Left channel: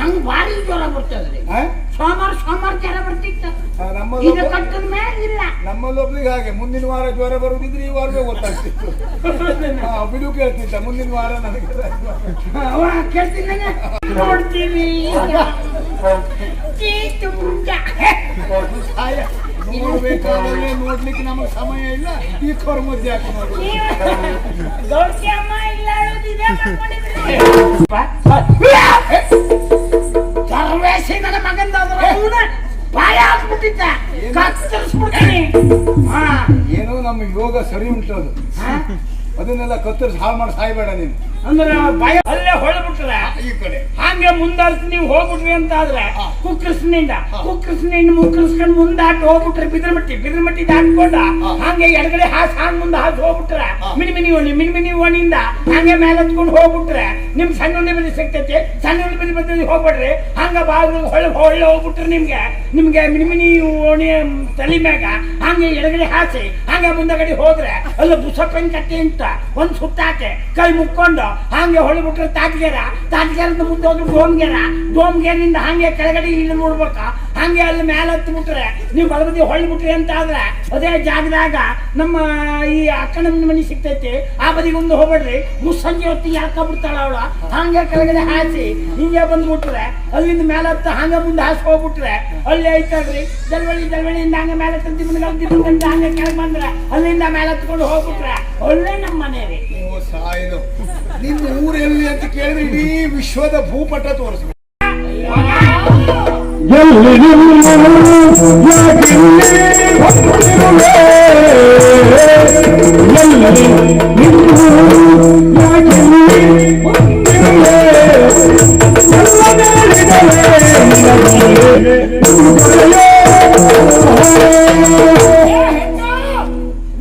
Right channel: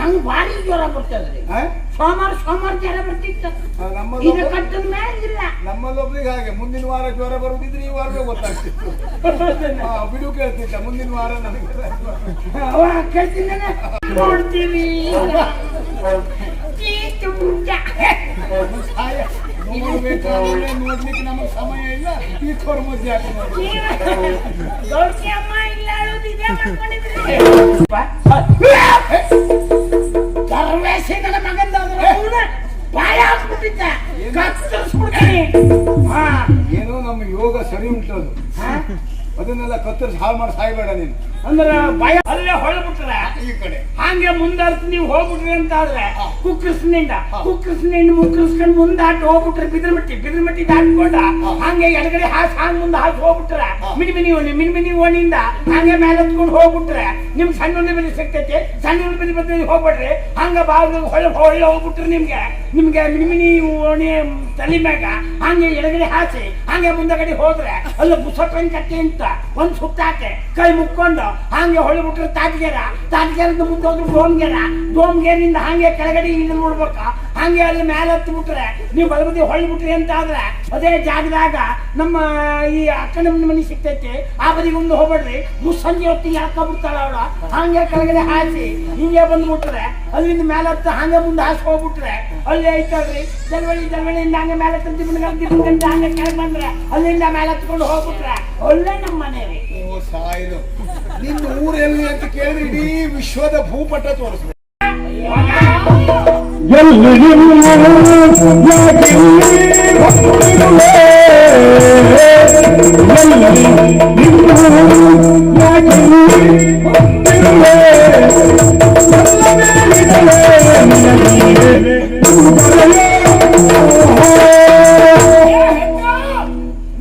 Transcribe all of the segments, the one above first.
ನಂಗೆ ಭಾರಿ ಜ್ವರ ಬರ್ತದ್ರಿ. ಸೋಮವಾರ ಜ್ವರ ಬರ್ತಿತ್ತು. ನಮ್ಮಲ್ಲೊಬ್ರಿಗೆ ಹಾಗೆ ಮುಂದಿನ ವಾರ ಜ್ವರ ಬರುದಿದ್ರೆ ಈ ವಾರವೇ ಗೊತ್ತಾಗ್ತಿತ್ತು. ಬಿಡು ಕೇಳ್ತಿದ್ದ ಮುಂದಿನ ವಾರ ನನಗೆ ಕೇಳ್ತೀನಿ ನೋಡ್ತೀನಿ. ನೋಡ್ಲಿಕ್ಕೆ ನಮಗೆ ಸಮಯ ಇಲ್ಲ. ಈ ಕೌರ್ ಮಧ್ಯೆ ಹಾಕಿ ನೋಡಿ. ನನ್ನ ಮಗಂದ ಪಾಯ ಹಾಕ್ಬಿಟ್ಟಿದ್ದ ಕತ್ತರಿಸ್ಬಿಡ್ತೀನಿ. ಏನೋ ನಮ್ಮ ಯೋಗ ಸರಿ ಉಂಟದು. ಅದನ್ನೆಲ್ಲ ಕತ್ತರಿಸಿ ಹಾಳು ಮಾಡಿ ಸಾಯ್ಬೇಡ ನೀನು. ಅಂದ್ರೆ ಭಯ ಅಲ್ಲೇ ಹೊಳ್ಬಿಟ್ರೆ ಈ ಕಡೆ ಹಂಗೆ ಮುಂದಾಡ್ಸಿ ನೀವು ಹೋಗ್ಬಿಟ್ರಿ ಅಂತ ಆದ್ರೆ ಕುಕ್ಕರ್ಸ್ನಿಂದ ಮುಕ್ಕರ್ಸ್ಕೊಂಡು ಮುಂದೆ ಹಾಕಿ ಹೋಗ್ಬಿಟ್ರೆ ಬಿದ್ರಮಟ್ಟಿ ದಾಟ್ಕೊಂಡ ಹಂಗೆ ಎಡಗಡೆ ಹಾಂಗ್ ಮುಂದೆ ಹಾಕಿ ಹೋಗ್ಬಿಟ್ರೆ ಮಿನಿ ಓಣಿಯಿಂದ ಹಂಗೆ ಮೇಲೆ ಹತ್ಕೊಂಡು ಹೋಗ್ಬಿಟ್ರೆ ನಿಮ್ ಸಣ್ಣ ಬೆಲೆ ಸಿಗ್ತೈತಿ. ಸಣ್ಣ ಬೆಲೆ ಹೋಗ್ಬಿಡ್ರಿ ಹಂಗ ಬಾಗಿಲು ಹೊಳ್ಳಿ ಹೋಗ್ಬಿಟ್ರೆ ನಿಮ್ಗೆ ಮಿನಿ ಓಣಿ ತಲೆ ಮ್ಯಾಗ ಹಂಗೆ ಎಡಗಡೆ ಹಾಸಿ ಹಂಗೆ ಮುಂದಗಡೆ ಹೋದ್ರೆ ಅಲ್ಲ ಬುಸಪ್ಪನ ಕಟ್ಟೆ ಅಂತ ಒಂದ್ ಸುತ್ತಾಕೆ ಕೈ ಮುಕ್ಕೊಂಡು ಹಂಗೆ ಹೊಳ್ಬಿಟ್ರೆ ತಾಟ್ಗೆರದ ಮುಂದೆ ಹೋಗಿ ಡೋಮ್ಗೇರಿಂದ ಹಂಗೆ ಕೆಳಗಡೆ ಇಲ್ಲಿ ನೋಡ್ಬೇಕ. ಹಂಗೆ ಅಲ್ಲಿ ಮೇಲೆ ಹತ್ತಿ ಬಿಟ್ರೆ ನೀವು ಬಲಬದಿ ಹೊಳ್ಬಿಟ್ರಿ ಅಂತ ಆದ್ರೆ ಅದೇ ಜಾಗದಾಗ ನಮ್ಮ ಈ ಅಕ್ಕನ ಮನೆ ಸಿಗ್ತೈತಿ. ಆ ಬದಿಗೆ ಒಂದು ಹೋಗ್ಬೇಡ್ರಿ. ಮುಸ್ಸಂಜೆ ಹೊತ್ತಿಗೆ ಹಾಕೊಂಡ್ಬಿಡ್ತಾಳ ಅವಳ. ಹಂಗೆ ಕೆಳಗಡೆ ಹಾಸಿ ಹಿಂಗೆ ಬಂದ್ಬಿಟ್ರೆ ಅಲ್ಲಿಂದ ಮೇಲೆ ಹತ್ತ ಹಂಗೆ ಮುಂದೆ ಹಾಸಿ ಹೋಗ್ಬಿಟ್ರೆ ಅಲ್ಲಿ ಐತಲ್ರಿ ದಲ್ವಳಿಯಿಂದ ಹಂಗೆ ಮೇಲೆ ತಂದು ಹಂಗೆ ಕೆಳಗೆ ಬಂದ್ರೆ ಅಲ್ಲಿಂದ ಮೇಲೆ ಹತ್ಕೊಂಡು ಹೋಗ್ಬಿಟ್ರೆ ಅಲ್ಲೇ ನಮ್ಮ ಮನೆ ರೀ. ಸಾಯಿದು ನಿನ್ನ ಊರೆಲ್ಲಿ ಅಂತ ಕೇಳಿದ್ರೆ ಇಡೀ ವಿಶ್ವದ ಭೂಪಟ ತೋರಿಸ್ಬೇಕು.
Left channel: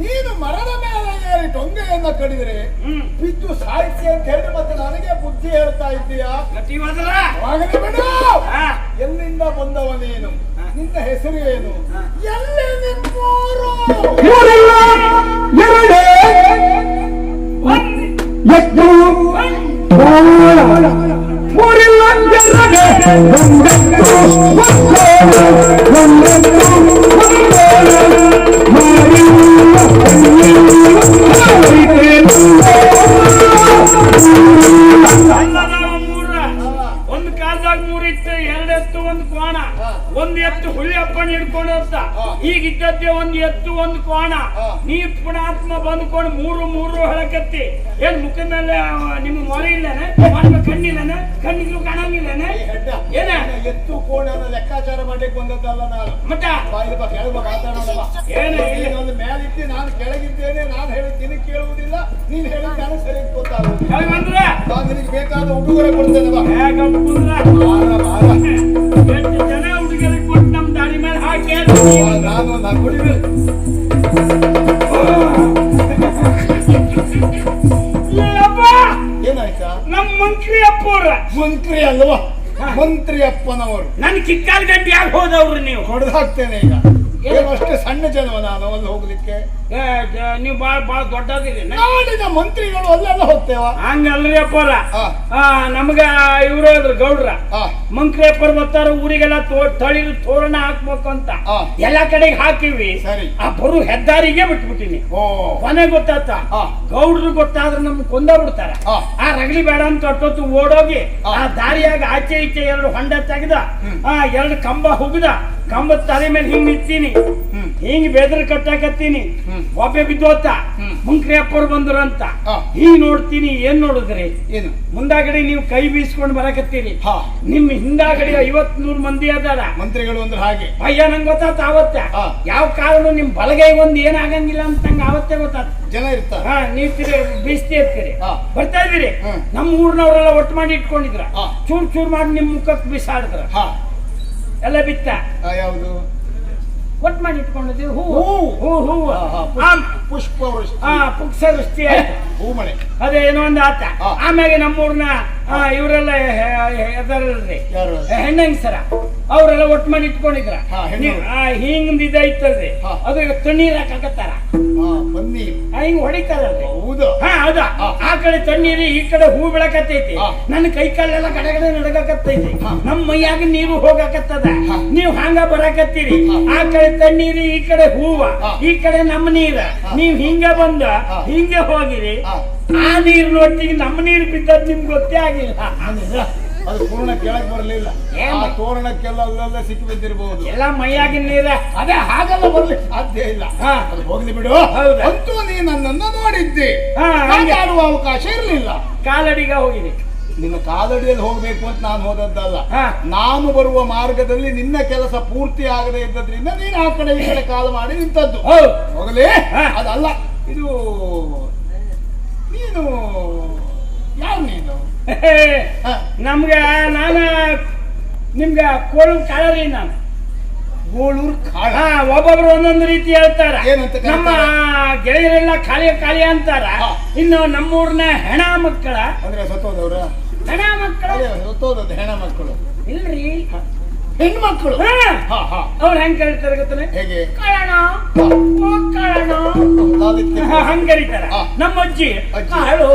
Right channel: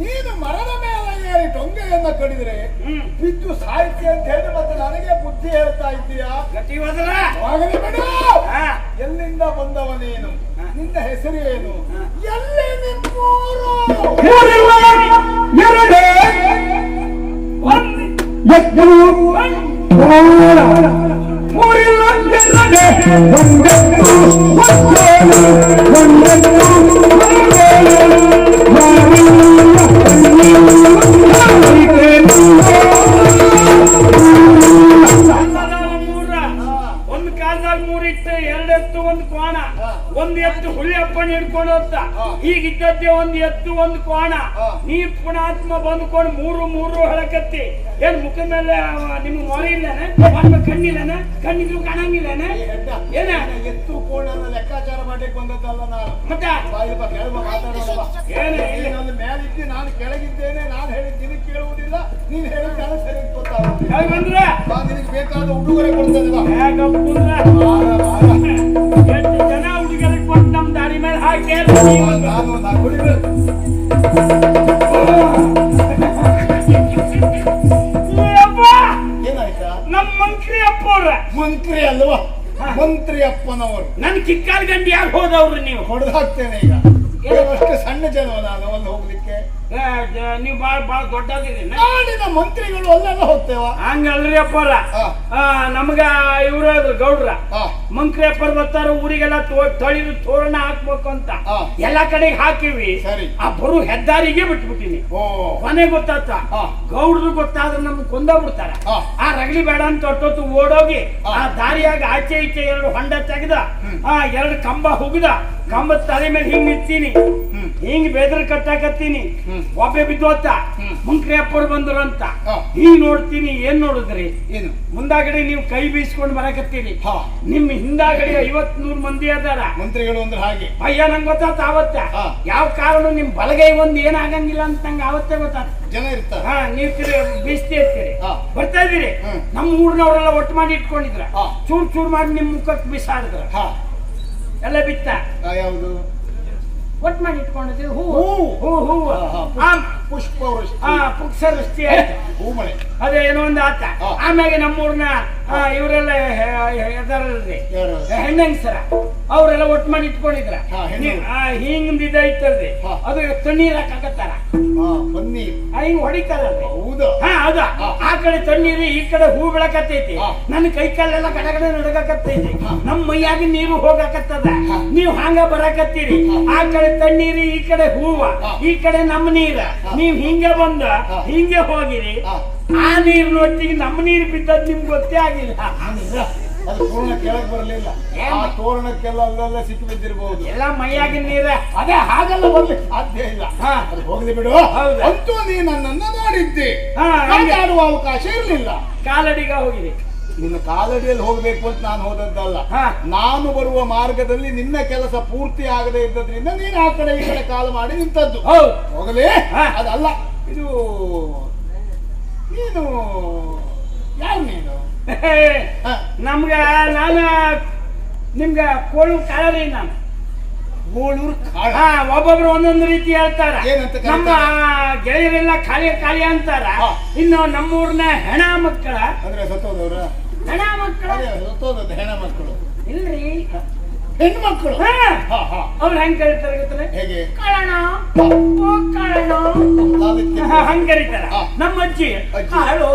ನೀನು ಮರದ ಮೇಲೆ ಏರಿ ಟೊಂಗೆಯನ್ನ ಕಡಿದ್ರೆ ಬಿದ್ದು ಸಾಹಿತ್ಯ ಅಂತ ಹೇಳಿ ಮತ್ತೆ ನನಗೆ ಬುದ್ಧಿ ಹೇಳ್ತಾ ಇದ್ದೀಯಾ? ಎಲ್ಲಿಂದ ಬಂದವ ನೀನು? ನಿನ್ನ ಹೆಸರು ಏನು? ಎಲ್ಲಿ ನಿಮ್ಮೂರು? ಒಂದು ಕಾಲದಾಗ ಮೂರಿತ್ತು, ಎರಡೆತ್ತು ಒಂದು ಕೋಣ. ಒಂದು ಎತ್ತು ಹುಲಿ ಅಪ್ಪನ ಹಿಡ್ಕೊಂಡು ಹೋಗ್ತ. ಈಗ ಇದ್ದದ್ದೇ ಒಂದು ಎತ್ತು ಒಂದು ಕೋಣ. ನೀ ಪುಣಾತ್ಮ ಬಂದ್ಕೊಂಡು ಮೂರು ಹೇಳಕತ್ತಿ. ಏನ್ ಮುಖ ಮೇಲೆ ನಿಮ್ಮ ಮೊರೆ ಇಲ್ಲನೆ? ಕಣ್ಣಿಲ್ಲನೆ? ಕಣ್ಣಿದ್ರು ಕಾಣಂಗಿಲ್ಲನೆ? ಏನ ಎತ್ತು ಕೋಣ ಲೆಕ್ಕಾಚಾರ ಮಾಡಕ್ಕೆ ಬಂದದ್ದಲ್ಲ ನಾನು. ಮತ್ತ ಏನ ನನ್ನ ಮೇಲಿದ್ದು ನಾನು ಕೆಳಗಿದ್ದೇನೆ. ನಾನು ಹೇಳಿದ್ದೀನಿ ಕೇಳುವುದಿಲ್ಲ. ನೀನ್ ಹೇಳಿದ ನಾನು ಸರಿ ಗೊತ್ತಾಗುತ್ತೆ. ಬಂದ್ರೆ ನಾನು ನಿನಗೆ ಬೇಕಾದ ಉಡುಗೊರೆ ಕೊಡ್ತೇನೆ. ಎಷ್ಟು ಜನ ಹುಡುಗರಿಗೆ ಕೊಟ್ಟು ನಮ್ ದಾರಿ ಮೇಲೆ ಹಾಕಿ ನಾನು ಕುಡಿಬೇಕು. ಏನಾಯ್ತಾ? ನಮ್ ಮಂತ್ರಿ ಅಪ್ಪವ್ರ. ಮಂತ್ರಿ ಅಲ್ವಾ? ಮಂತ್ರಿ ಅಪ್ಪನವರು. ನನ್ ಕಿಕ್ಕಾಲ್ ಗಂಡಿ ಯಾಕೆ ಹೋದವ್ರು ನೀವು? ಹೊಡೆದು ಹಾಕ್ತೇನೆ ಈಗ. ಅಷ್ಟೇ ಸಣ್ಣ ಜನವ ನಾನು ಅಲ್ಲಿ ಹೋಗ್ಲಿಕ್ಕೆ. ನೀವು ಬಾಳ ದೊಡ್ಡದಿರಿ. ನಾಡಿನ ಮಂತ್ರಿಗಳು ಅಲ್ಲೆಲ್ಲ ಹೋಗ್ತೇವ? ಹಂಗಲ್ರಿ ಅಪ್ಪರ. ನಮ್ಗ ಇವ್ರು ಹೋದ್ರು ಗೌಡ್ರ. ಮಂತ್ರಿ ಅಪ್ಪರ್ ಬರ್ತಾರ ಊರಿಗೆಲ್ಲ ತಳಿದು ತೋರಣ ಹಾಕ್ಬೇಕು ಅಂತ ಎಲ್ಲಾ ಕಡೆಗೆ ಹಾಕಿವಿ. ಆ ಬರು ಹೆದ್ದಾರಿಗೆ ಬಿಟ್ಬಿಟ್ಟಿನಿ. ಕೊನೆ ಗೊತ್ತಾತ ಗೌಡ್ರು ಗೊತ್ತಾದ್ರೆ ನಮ್ಗೆ ಕೊಂದ ಬಿಡ್ತಾರ. ಆ ರಗಲಿ ಬೇಡ ಅಂತ ಹೊಟ್ಟೊತ್ತು ಓಡೋಗಿ ಆ ದಾರಿಯಾಗ ಆಚೆ ಈಚೆ 2 ಹೊಂಡ ತೆಗೆದ 2 ಕಂಬ ಹುಗ್ದ. ಕಂಬದ ತಲೆ ಮೇಲೆ ಹಿಂಗ್ ನಿಂತೀನಿ. ಹಿಂಗ್ ಬೆದ್ರ ಕಟ್ಟಾಕತ್ತೀನಿ. ಹ್ಮ್. ಒಬ್ಬೆ ಬಿದ್ದೋತ ಹ್ಮ್. ಮುಂಕ್ರಿ ಅಪ್ಪರು ಬಂದ್ರು ಅಂತ ಹಾ. ಹಿಂಗ್ ನೋಡ್ತೀನಿ. ಏನ್ ನೋಡಿದ್ರಿ? ಏನು? ಮುಂದಾಗಡೆ ನೀವು ಕೈ ಬೀಸ್ಕೊಂಡು ಬರಕತ್ತೀರಿ. ಹಾ. ನಿಮ್ ಹಿಂದಾಗಡೆ 50-100 ಮಂದಿ ಅದಾರ. ಮಂತ್ರಿಗಳು ಅಂದ್ರೆ ಹಾಗೆ. ಅಯ್ಯ ನಂಗೆ ಗೊತ್ತಾತ ಅವತ್ತ. ಹಾ. ಯಾವ ಕಾರಣ ನಿಮ್ ಬಲಗೈ ಒಂದ್ ಏನಾಗಂಗಿಲ್ಲ ಅಂತ ನಂಗೆ ಅವತ್ತೇ ಗೊತ್ತಾತ. ಜನ ಇರ್ತಾರೆ. ಹಾ, ನೀವು ಬೀಸ್ತಿ ಇರ್ತೀರಿ. ಹಾ. ಬರ್ತಾ ಇದೀರಿ. ಹ್ಮ್. ನಮ್ಮ ಊರ್ನವರೆಲ್ಲ ಒಟ್ಟು ಮಾಡಿ ಇಟ್ಕೊಂಡಿದ್ರ. ಹಾ. ಚೂರ್ ಚೂರ್ ಮಾಡಿ ನಿಮ್ ಮುಖಕ್ಕೆ ಬಿಸಾಡಿದ್ರ. ಹಾ. ಎಲ್ಲ ಬಿತ್ತ ಯಾವುದು? ಒಟ್ಟು ಮಾಡಿ ಇಟ್ಕೊಂಡಿದ್ವಿ. ಹೂವು. ಹೂವು ಪುಷ್ಪವೃಷ್ಟಿ. ಪುಕ್ಸ ವೃಷ್ಟಿ ಆಯ್ತು. ಹೂಮಳೆ. ಅದೇ ಏನೋ ಒಂದು ಆತ. ಹಾ. ಆಮ್ಯಾಗೆ ನಮ್ಮೂರ್ನ ಇವರೆಲ್ಲ ಎದರಲ್ರಿ ಯಾರು? ಹೆಣ್ಣಂಗ್ಸರ ಅವರೆಲ್ಲ ಒಟ್ಟು ಮಾಡಿ ಇಟ್ಕೊಂಡಿದ್ರ. ಹಾ, ಹೆಣ್ಣು. ಹಿಂಗ್ ಇದೈತಲ್ರಿ. ಹಾ. ಅದು ತಣ್ಣೀರ್ ಹಾಕಕತ್ತಾರ. ಪನ್ನೀರ್. ಹಿಂಗ್ ಹೊಡಿತಾರಲ್ರಿ. ಹೌದು. ಹಾ, ಹೌದಾ. ಆ ಕಡೆ ತಣ್ಣೀರಿ, ಈ ಕಡೆ ಹೂ ಬೆಳಕತ್ತೈತಿ. ಹಾ. ನನ್ನ ಕೈ ಕಾಲೆಲ್ಲ ಗಡಗಡ ನಡಗಕತ್ತೈತಿ. ಹಾ. ನಮ್ಮ ಮೈಯಾಗ ನೀರು ಹೋಗಕತ್ತದ. ಹಾ. ನೀವ್ ಹಂಗ ಬರಕತ್ತೀರಿ. ಹಾ. ಆ ಕಡೆ ತಣ್ಣೀರಿ, ಈ ಕಡೆ ಹೂವ, ಹಾ. ಈ ಕಡೆ ನಮ್ಮ ನೀರ. ಹಾ. ನೀವ್ ಹಿಂಗ ಬಂದ ಹಾ. ಹಿಂಗೆ ಹೋಗಿರಿ. ಹಾ. ಆ ನೀರಿನೊಟ್ಟಿಗೆ ನಮ್ಮ ನೀರು ಬಿದ್ದದ್ ನಿಮ್ಗೆ ಗೊತ್ತೇ ಆಗಿಲ್ಲ. ಅದು ಪೂರ್ಣ ಕೆಳಗೆ ಬರಲಿಲ್ಲ. ಏನ್? ಆ ತೋರಣಕ್ಕೆಲ್ಲ ಅಲ್ಲೆಲ್ಲ ಸಿಕ್ಕಿ ಬಿದ್ದಿರಬಹುದು. ಎಲ್ಲ ಮೈಯಾಗಿನ ನೀರ. ಅದೇ ಹಾಗೆಲ್ಲ ಬರ್ಲಿಕ್ಕೆ ಸಾಧ್ಯ ಇಲ್ಲ. ಹಾ. ಅದು ಹೋಗ್ಲಿ ಬಿಡು. ಹೌದಾ? ಅಂತೂ ನೀ ನನ್ನನ್ನು ನೋಡಿದ್ದೆ. ಹಾ, ಹಂಗೆ. ಮಾತಾಡುವ ಅವಕಾಶ ಇರಲಿಲ್ಲ. ಕಾಲಡಿಗ ಹೋಗಿರಿ. ನಿನ್ನ ಕಾಲಡಿಯಲ್ಲಿ ಹೋಗ್ಬೇಕು ಅಂತ ನಾನು ಹೋದದ್ದಲ್ಲ. ಹಾ. ನಾನು ಬರುವ ಮಾರ್ಗದಲ್ಲಿ ನಿನ್ನ ಕೆಲಸ ಪೂರ್ತಿ ಆಗದೆ ಇದ್ದದ್ರಿಂದ ನೀನು ಆ ಕಡೆ ಈ ಕಡೆ ಕಾಲು ಮಾಡಿ ನಿಂತದ್ದು. ಹೌದು. ಹೋಗಲಿ. ಹಾ. ಅದಲ್ಲ, ಇದು ನೀನು ಯಾವ ನೀನು? ಹಾ. ನಮ್ಗ ನಾನು ನಿಮ್ಗ ಕೋಳು ಕಾಳರಿ ನಾನು. ಗೋಳೂರು ಕಾಳ. ಹಾ, ಒಬ್ಬೊಬ್ರು ಒಂದೊಂದು ರೀತಿ ಹೇಳ್ತಾರ. ಏನಂತ ಕರೀತಾರ? ನಮ್ಮ ಗೆಳೆಯರೆಲ್ಲ ಕಾಳಿ ಅಂತಾರ. ಹಾ. ಇನ್ನು ನಮ್ಮೂರ್ನ ಹೆಣ ಮಕ್ಕಳ ಅಂದ್ರೆ ಸತ್ತೋದವ್ರ? ಹೆಣ ಮಕ್ಕಳ ಸತ್ತೋದದ್ದು ಹೆಣ ಮಕ್ಕಳು ಇಲ್ರಿ, ಹೆಣ್ಮಕ್ಕಳು. ಹಾ. ಹಾ, ಹಾ. ಅವ್ರು ಹೆಂಗ್ ಕರೀತಾರೆ ಗೊತ್ತಲ್ಲ? ಹೇಗೆ? ಕಾಳಣ, ಓ ಕಾಳಣ ಹಂಗ್ ಕರೀತಾರ. ಹಾ. ನಮ್ಮ ಅಜ್ಜಿ ಅಜ್ಜಿ. ಕಾಳು,